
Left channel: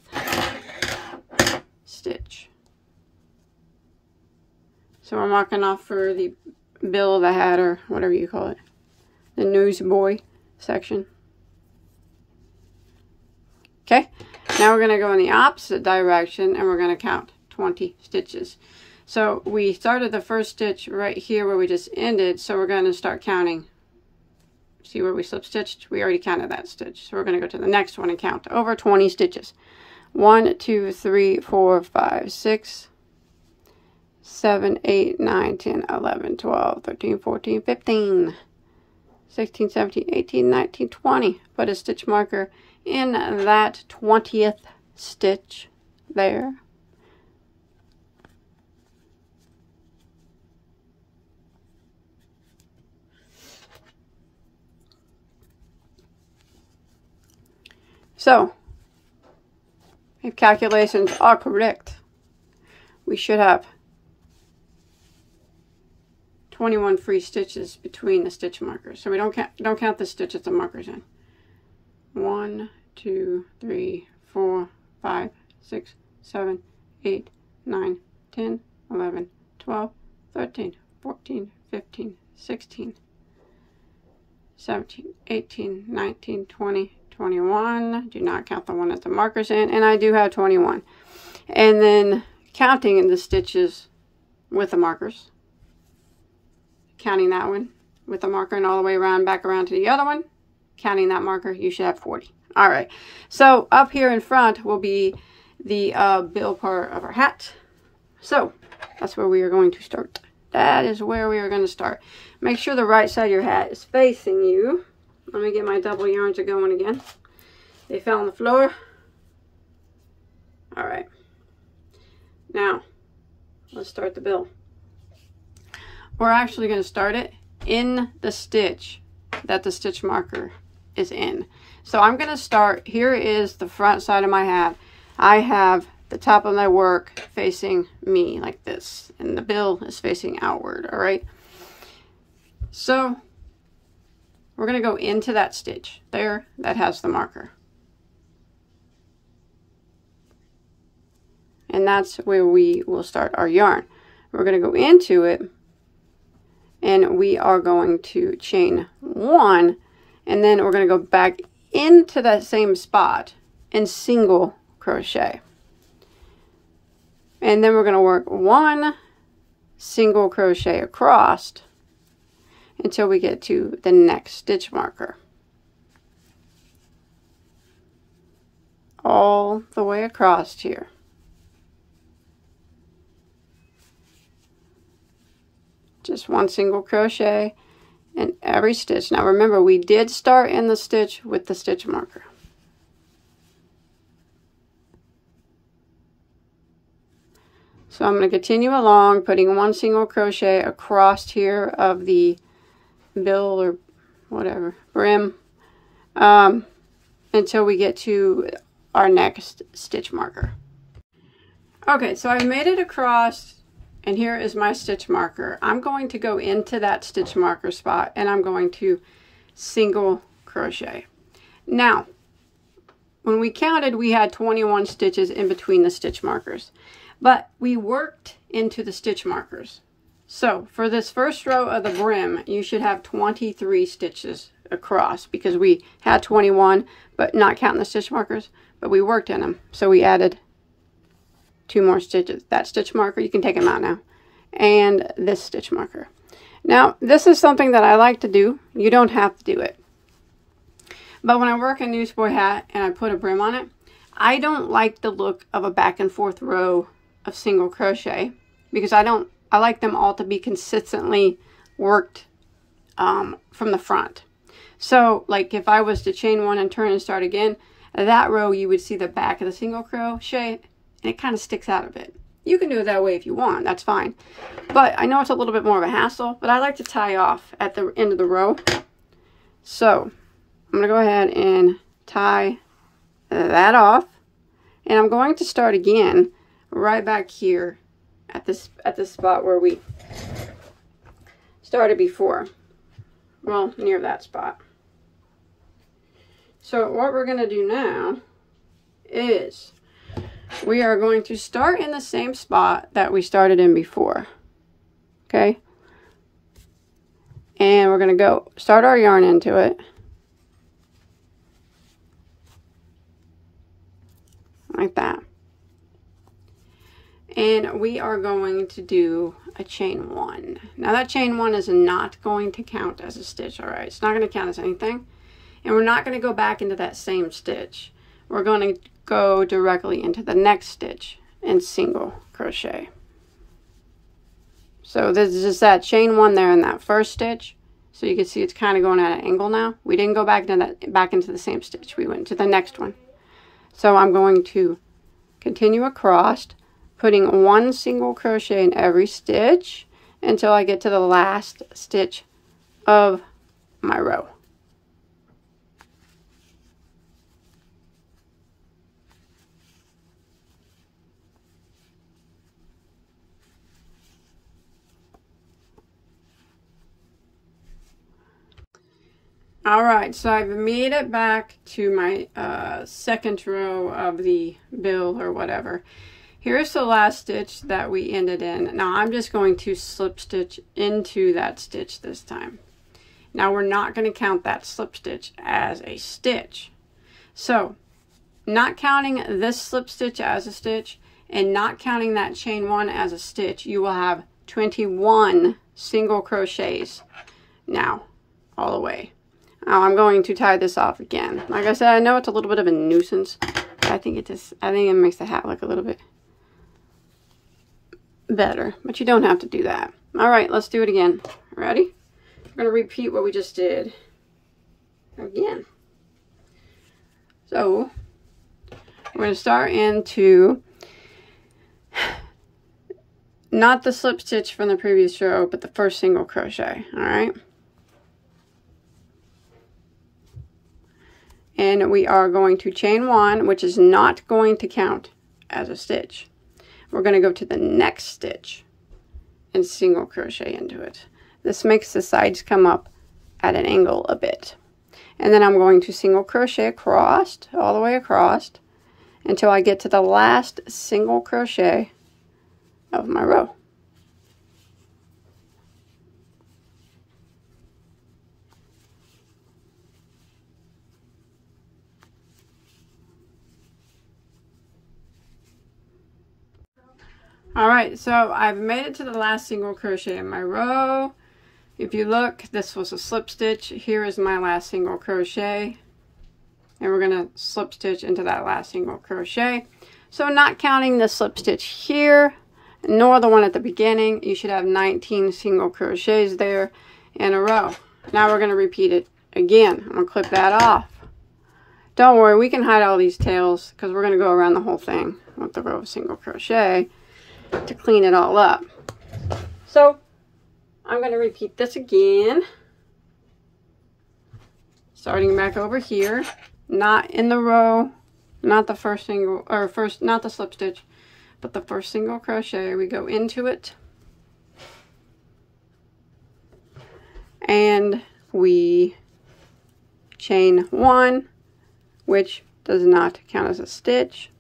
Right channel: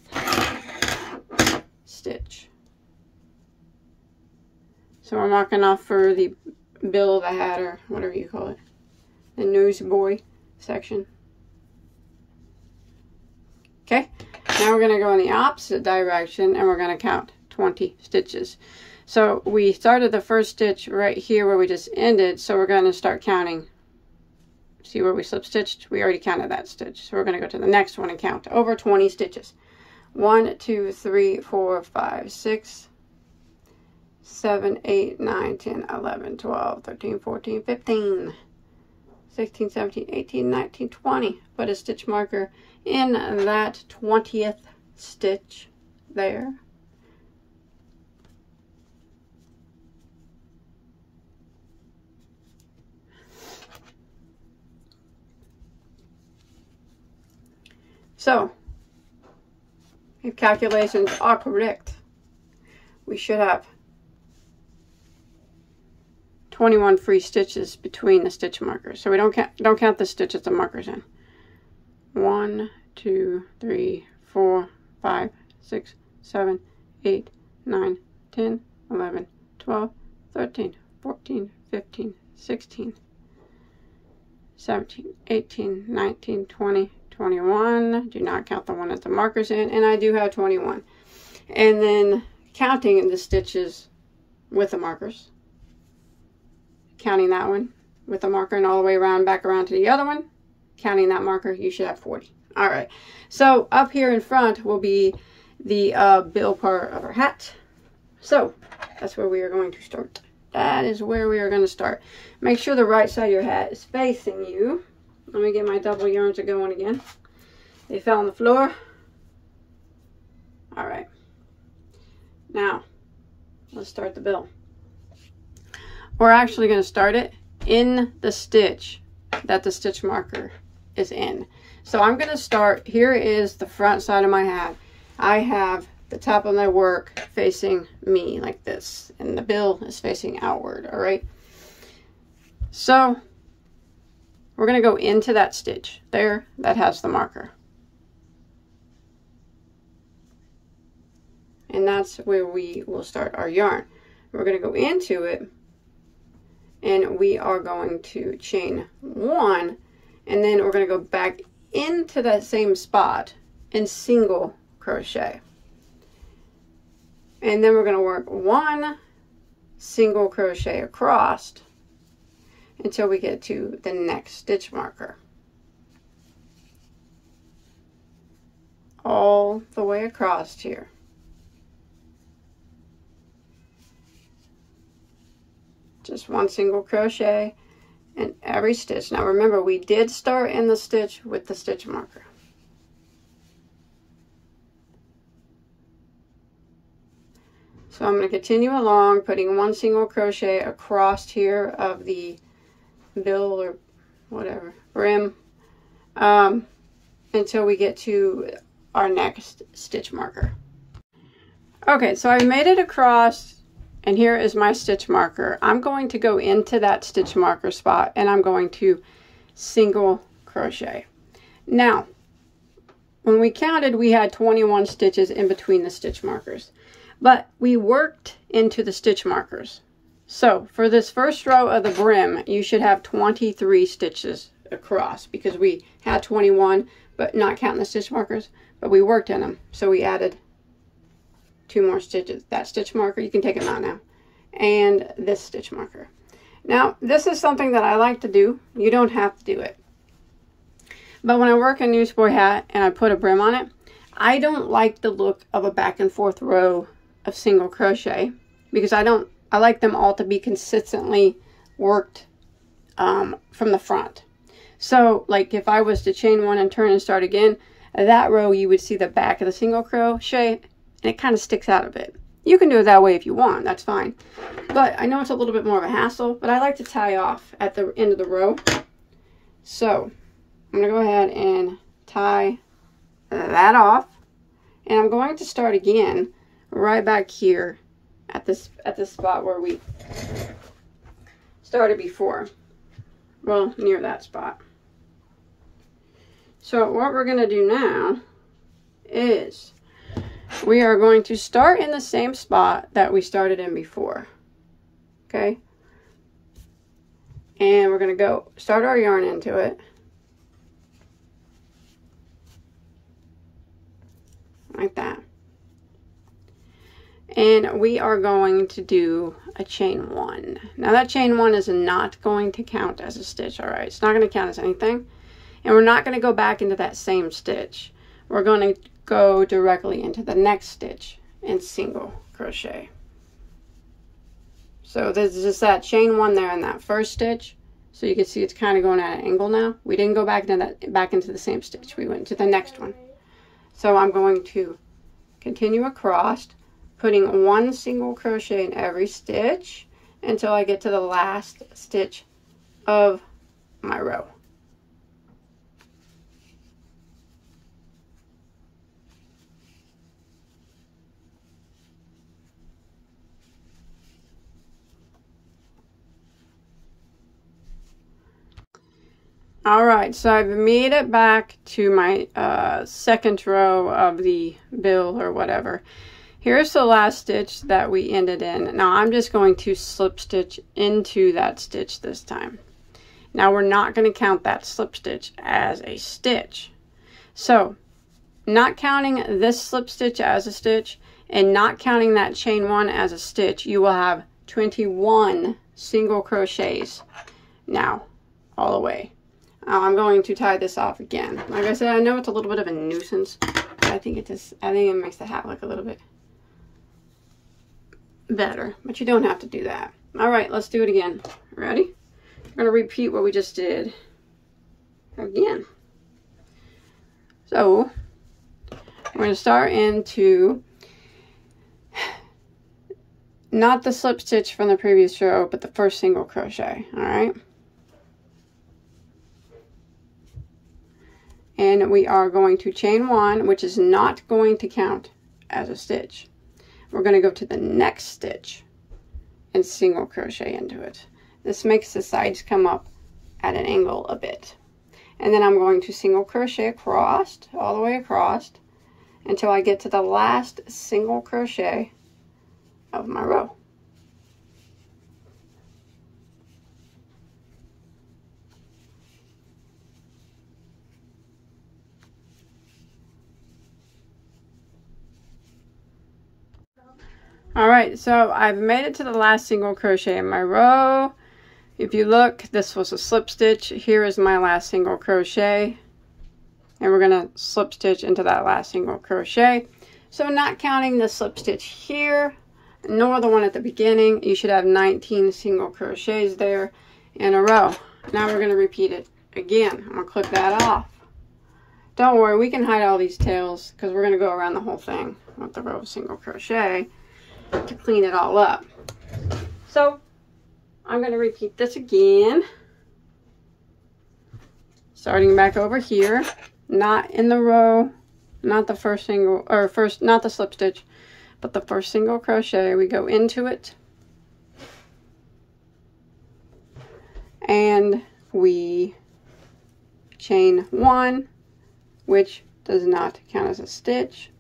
stitch. So we're marking off for the bill of the hat, or whatever you call it, the Newsboy section. Okay, now we're going to go in the opposite direction and we're going to count 20 stitches. So we started the first stitch right here where we just ended, so we're going to start counting. See where we slip stitched? We already counted that stitch. So we're going to go to the next one and count over 20 stitches. 1, 2, 3, 4, 5, 6, 7, 8, 9, 10, 11, 12, 13, 14, 15, 16, 17, 18, 19, 20. Put a stitch marker in that 20th stitch there. So, if calculations are correct, we should have 21 free stitches between the stitch markers. So we don't count the stitches the markers in. 1, 2, 3, 4, 5, 6, 7, 8, 9, 10, 11, 12, 13, 14, 15, 16, 17, 18, 19, 20, 21. Do not count the one that the marker's in, and I do have 21. And then counting in the stitches with the markers. Counting that one with the marker and all the way around, back around to the other one. Counting that marker, you should have 40. All right, so up here in front will be the bill part of our hat. So that's where we are going to start. That is where we are going to start. Make sure the right side of your hat is facing you. Let me get my double yarns going again. They fell on the floor. All right. Now, let's start the bill. We're actually going to start it in the stitch that the stitch marker is in. So I'm going to start, here is the front side of my hat. I have the top of my work facing me like this, and the bill is facing outward, all right? So we're going to go into that stitch there that has the marker. And that's where we will start our yarn. We're going to go into it, and we are going to chain 1, and then we're going to go back into that same spot and single crochet. And then we're going to work 1 single crochet across until we get to the next stitch marker. All the way across here. Just 1 single crochet in every stitch. Now remember, we did start in the stitch with the stitch marker. So I'm going to continue along, putting 1 single crochet across here of the bill or whatever, brim, until we get to our next stitch marker. Okay, so I've made it across, and here is my stitch marker. I'm going to go into that stitch marker spot, and I'm going to single crochet. Now, when we counted, we had 21 stitches in between the stitch markers, but we worked into the stitch markers. So for this first row of the brim, you should have 23 stitches across, because we had 21, but not counting the stitch markers, but we worked in them. So we added 2 more stitches. That stitch marker, you can take them out now, and this stitch marker. Now, this is something that I like to do. You don't have to do it. But when I work a Newsboy hat and I put a brim on it, I don't like the look of a back and forth row of single crochet, because I like them all to be consistently worked from the front. So like if I was to chain 1 and turn and start again, that row you would see the back of the single crochet, and it kind of sticks out a bit. You can do it that way if you want, that's fine. But I know it's a little bit more of a hassle, but I like to tie off at the end of the row. So I'm going to go ahead and tie that off. And I'm going to start again right back here at this spot where we started before. Well, near that spot. So what we're going to do now is we are going to start in the same spot that we started in before. Okay? And we're going to go start our yarn into it. Like that. And we are going to do a chain 1. Now that chain 1 is not going to count as a stitch, alright? It's not going to count as anything. And we're not going to go back into that same stitch. We're going to go directly into the next stitch and single crochet. So this is just that chain 1 there in that first stitch. So you can see it's kind of going at an angle now. We didn't go back into the same stitch. We went to the next one. So I'm going to continue across, putting 1 single crochet in every stitch until I get to the last stitch of my row. Alright, so I've made it back to my second row of the bill or whatever. Here's the last stitch that we ended in. Now I'm just going to slip stitch into that stitch this time. Now we're not going to count that slip stitch as a stitch. So, not counting this slip stitch as a stitch and not counting that chain 1 as a stitch, you will have 21 single crochets now all the way. Now I'm going to tie this off again. Like I said, I know it's a little bit of a nuisance. I think it makes the hat look a little bit better, but you don't have to do that. All right, let's do it again. Ready? We're going to repeat what we just did again. So we're going to start into not the slip stitch from the previous row, but the first single crochet. All right. And we are going to chain 1, which is not going to count as a stitch. We're going to go to the next stitch and single crochet into it. This makes the sides come up at an angle a bit. And then I'm going to single crochet across, all the way across, until I get to the last single crochet of my row. Alright, so I've made it to the last single crochet in my row. If you look, this was a slip stitch. Here is my last single crochet. And we're going to slip stitch into that last single crochet. So not counting the slip stitch here, nor the one at the beginning, you should have 19 single crochets there in a row. Now we're going to repeat it again. I'm going to clip that off. Don't worry, we can hide all these tails because we're going to go around the whole thing with the row of single crochet to clean it all up. So I'm going to repeat this again, starting back over here, not in the row, not the first single, or first, not the slip stitch, but the first single crochet. We go into it and we chain 1, which does not count as a stitch.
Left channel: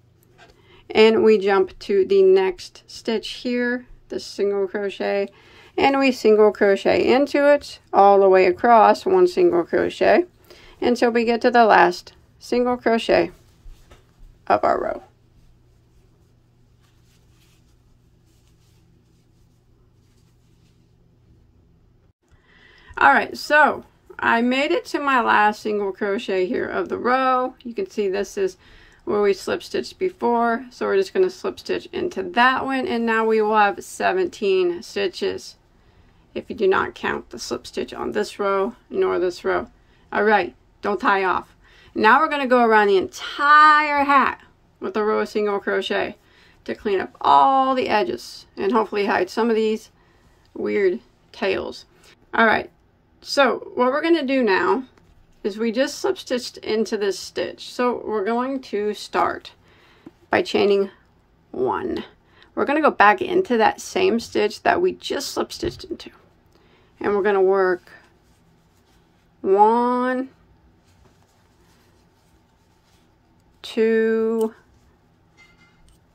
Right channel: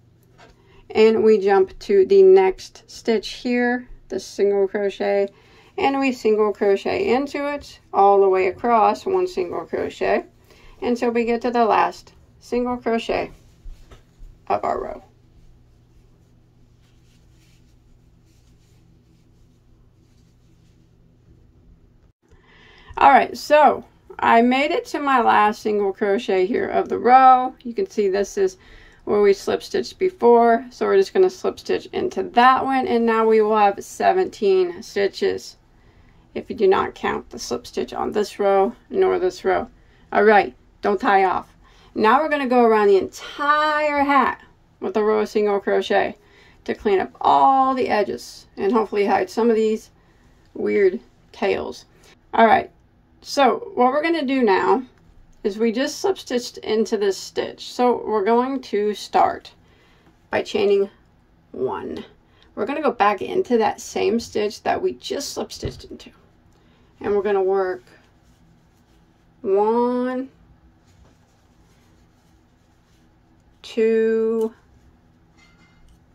And we jump to the next stitch here, the single crochet, and we single crochet into it all the way across, 1 single crochet, until we get to the last single crochet of our row. Alright, so I made it to my last single crochet here of the row. You can see this is where we slip stitched before, so we're just going to slip stitch into that one, and now we will have 17 stitches if you do not count the slip stitch on this row nor this row. Alright, don't tie off. Now we're going to go around the entire hat with a row of single crochet to clean up all the edges and hopefully hide some of these weird tails. Alright, so what we're going to do now is we just slip stitched into this stitch. So we're going to start by chaining 1. We're going to go back into that same stitch that we just slip stitched into, and we're going to work 1, 2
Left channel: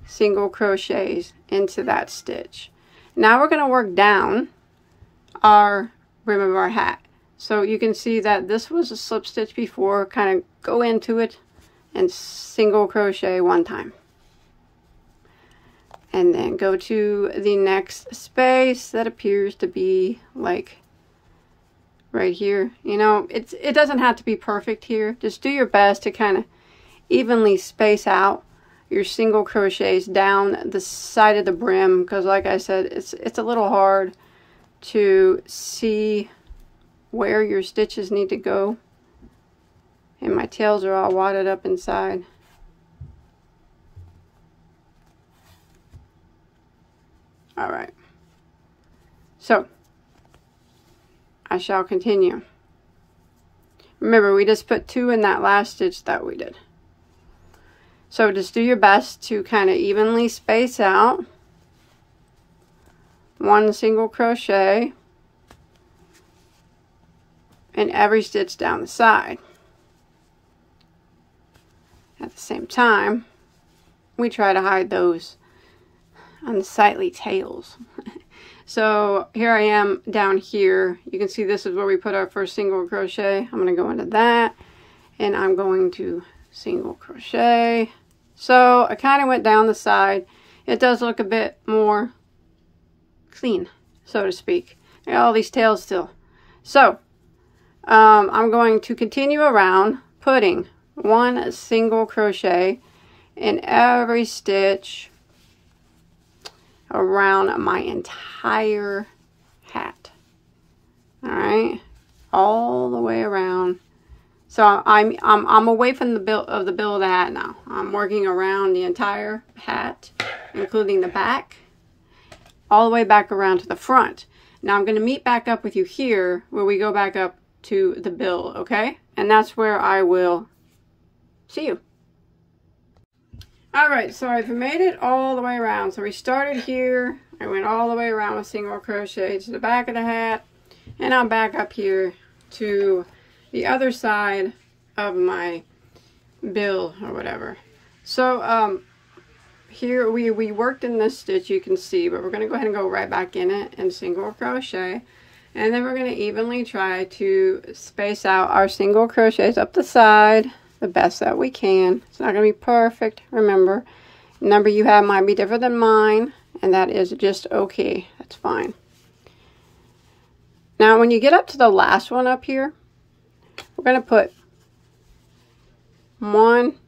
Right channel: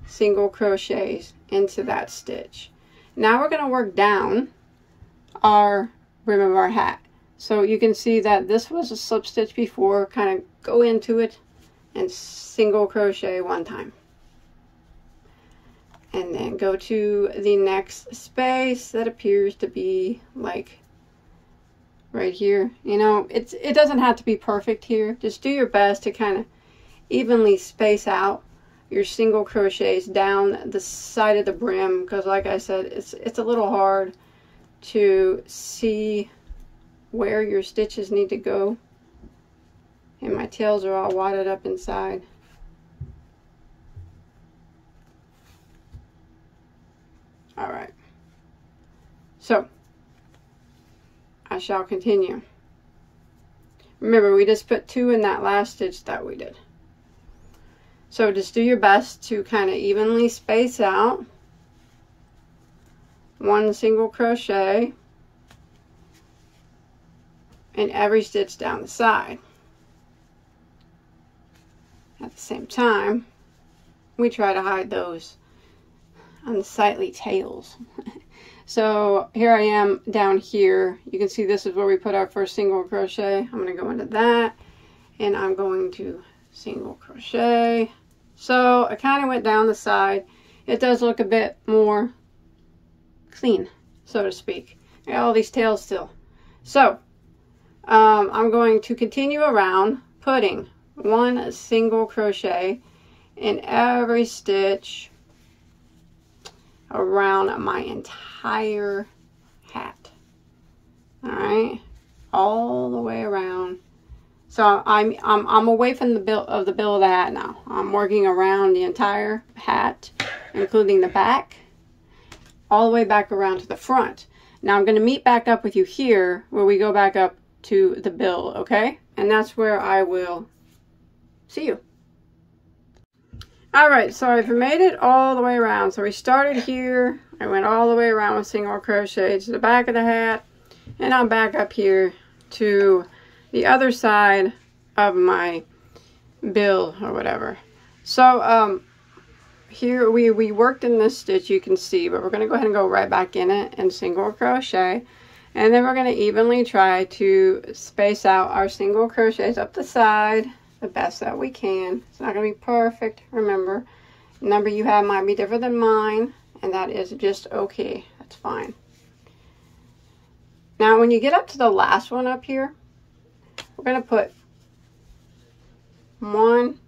single crochets into that stitch. Now we're going to work down our brim of our hat. So you can see that this was a slip stitch before. Kind of go into it and single crochet 1 time. And then go to the next space that appears to be like right here. You know, it doesn't have to be perfect here. Just do your best to kind of evenly space out your single crochets down the side of the brim, because like I said, it's a little hard to see where your stitches need to go, and my tails are all wadded up inside. All right, so I shall continue. Remember, we just put 2 in that last stitch that we did. So just do your best to kind of evenly space out 1 single crochet in every stitch down the side. At the same time, we try to hide those unsightly tails. So here I am down here. You can see this is where we put our first single crochet. I'm going to go into that, and I'm going to single crochet. So I kind of went down the side. It does look a bit more clean, so to speak. I got all these tails still. So I'm going to continue around putting 1 single crochet in every stitch around my entire hat. All right, all the way around. So I'm away from the bill of the hat now. I'm working around the entire hat, including the back, all the way back around to the front. Now I'm going to meet back up with you here where we go back up to the bill, okay? And that's where I will see you. All right, so I've made it all the way around. So we started here. I went all the way around with single crochet to the back of the hat, and I'm back up here to the other side of my bill or whatever. So here we worked in this stitch, you can see, but we're going to go ahead and go right back in it and single crochet, and then we're going to evenly try to space out our single crochets up the side the best that we can. It's not going to be perfect. Remember, the number you have might be different than mine, and that is just okay. That's fine. Now when you get up to the last one up here, we're going to put 1,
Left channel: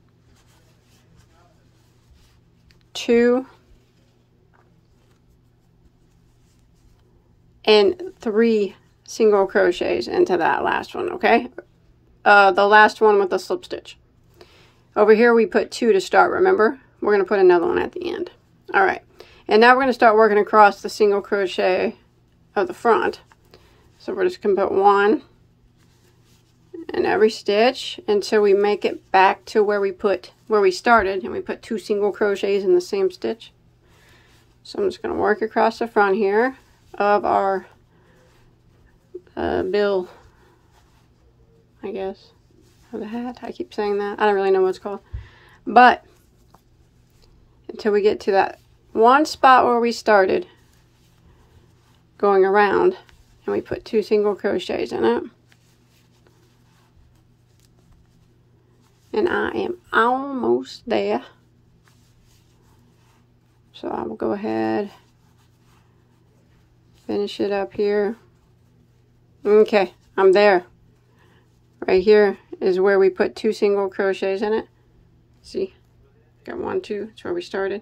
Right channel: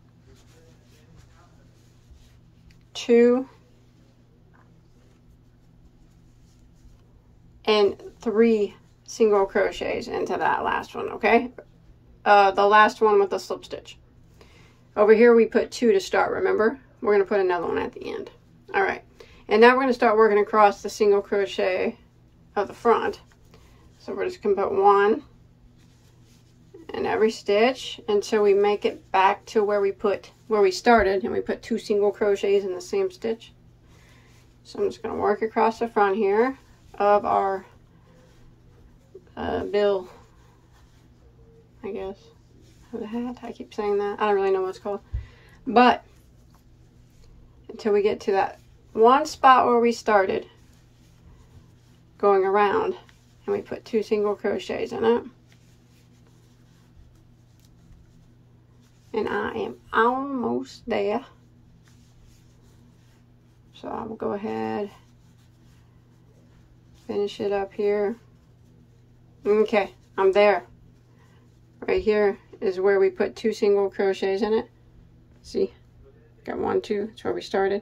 2, and 3 single crochets into that last one, okay? The last one with the slip stitch. Over here we put 2 to start, remember? We're going to put another one at the end. All right, and now we're going to start working across the single crochet of the front. So we're just going to put 1 in every stitch until we make it back to where we started, and we put 2 single crochets in the same stitch. So I'm just going to work across the front here of our bill, I guess, or the hat. I keep saying that. I don't really know what it's called. But until we get to that one spot where we started going around, and we put 2 single crochets in it. And I am almost there. So I will go ahead, finish it up here. Okay, I'm there. Right here is where we put 2 single crochets in it. See, got 1, 2, that's where we started.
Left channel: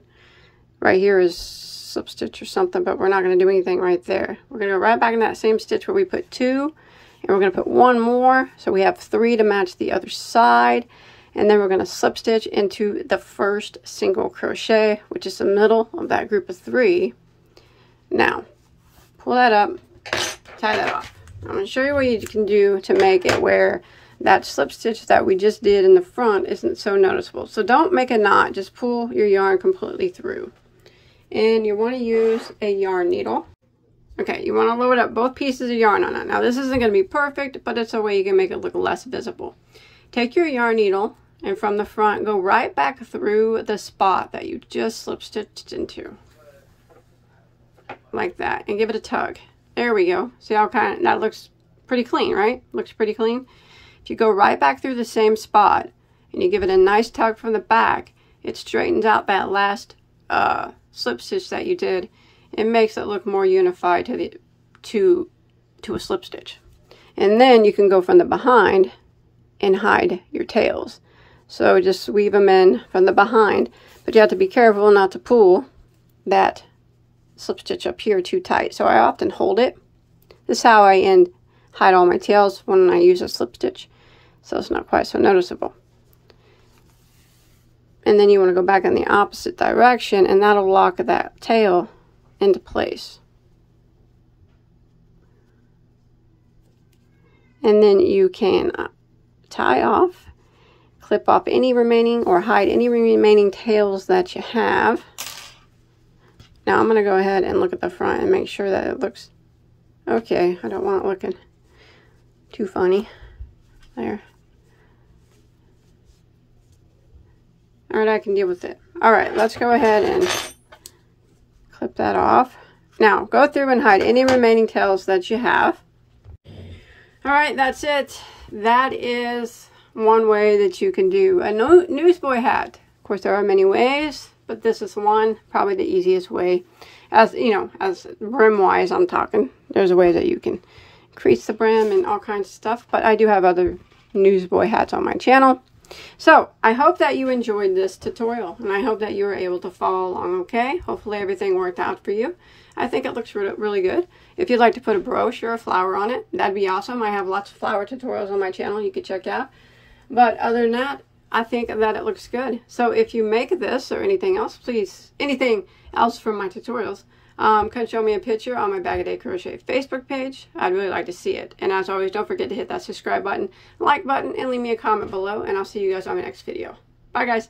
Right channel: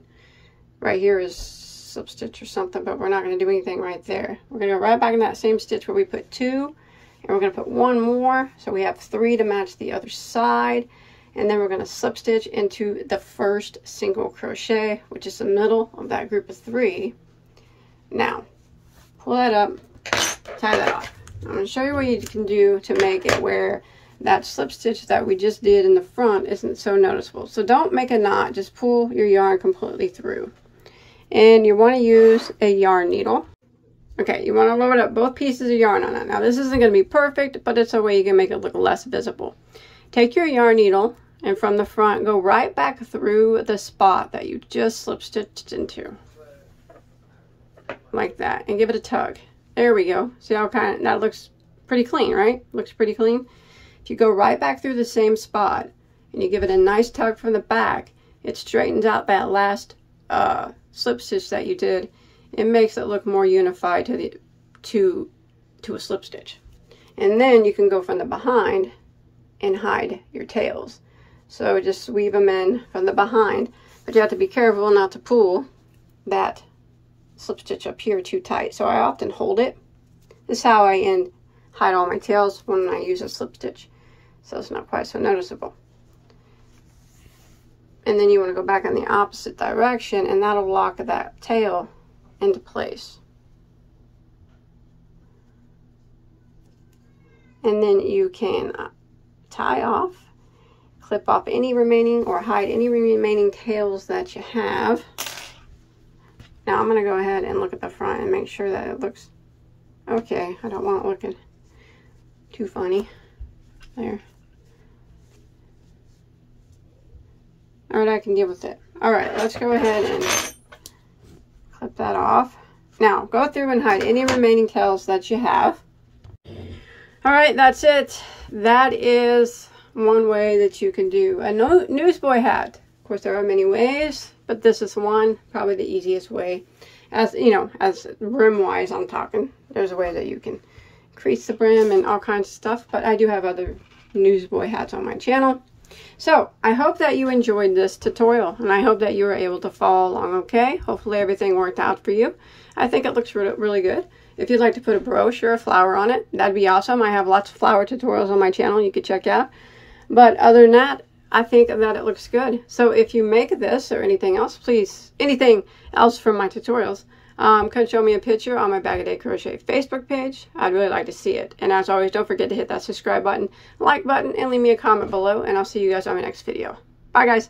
Right here is slip stitch or something, but we're not going to do anything right there. We're going to go right back in that same stitch where we put 2, and we're going to put 1 more, so we have 3 to match the other side. And then we're going to slip stitch into the first single crochet, which is the middle of that group of 3. Now, pull that up, tie that off. I'm going to show you what you can do to make it where that slip stitch that we just did in the front isn't so noticeable. So don't make a knot, just pull your yarn completely through. And you want to use a yarn needle. Okay, you want to load up both pieces of yarn on it. Now this isn't going to be perfect, but it's a way you can make it look less visible. Take your yarn needle and from the front go right back through the spot that you just slip stitched into. Like that, and give it a tug. There we go. See how that looks pretty clean, right? Looks pretty clean. If you go right back through the same spot and you give it a nice tug from the back, it straightens out that last slip stitch that you did. It makes it look more unified to a slip stitch. And then you can go from the behind and hide your tails. So just weave them in from the behind, but you have to be careful not to pull that slip stitch up here too tight. So I often hold it. This is how I hide all my tails when I use a slip stitch, so it's not quite so noticeable. And then you want to go back in the opposite direction, and that'll lock that tail into place. And then you can tie off, clip off any remaining or hide any remaining tails that you have. Now I'm going to go ahead and look at the front and make sure that it looks okay. I don't want it looking too funny. There. Alright, I can deal with it. Alright, let's go ahead and clip that off. Now, go through and hide any remaining tails that you have. Alright, that's it. That is one way that you can do a newsboy hat. Of course, there are many ways, but this is one, probably the easiest way. As you know, as brim wise, I'm talking. There's a way that you can increase the brim and all kinds of stuff, but I do have other newsboy hats on my channel. So I hope that you enjoyed this tutorial, and I hope that you were able to follow along okay. Hopefully everything worked out for you. I think it looks really good. If you'd like to put a brooch or a flower on it, that'd be awesome. I have lots of flower tutorials on my channel you could check out. But other than that, I think that it looks good. So if you make this or anything else, please, anything else from my tutorials, come show me a picture on my Bagoday Crochet Facebook page. I'd really like to see it. And as always, don't forget to hit that subscribe button, like button, and leave me a comment below. And I'll see you guys on my next video. Bye, guys.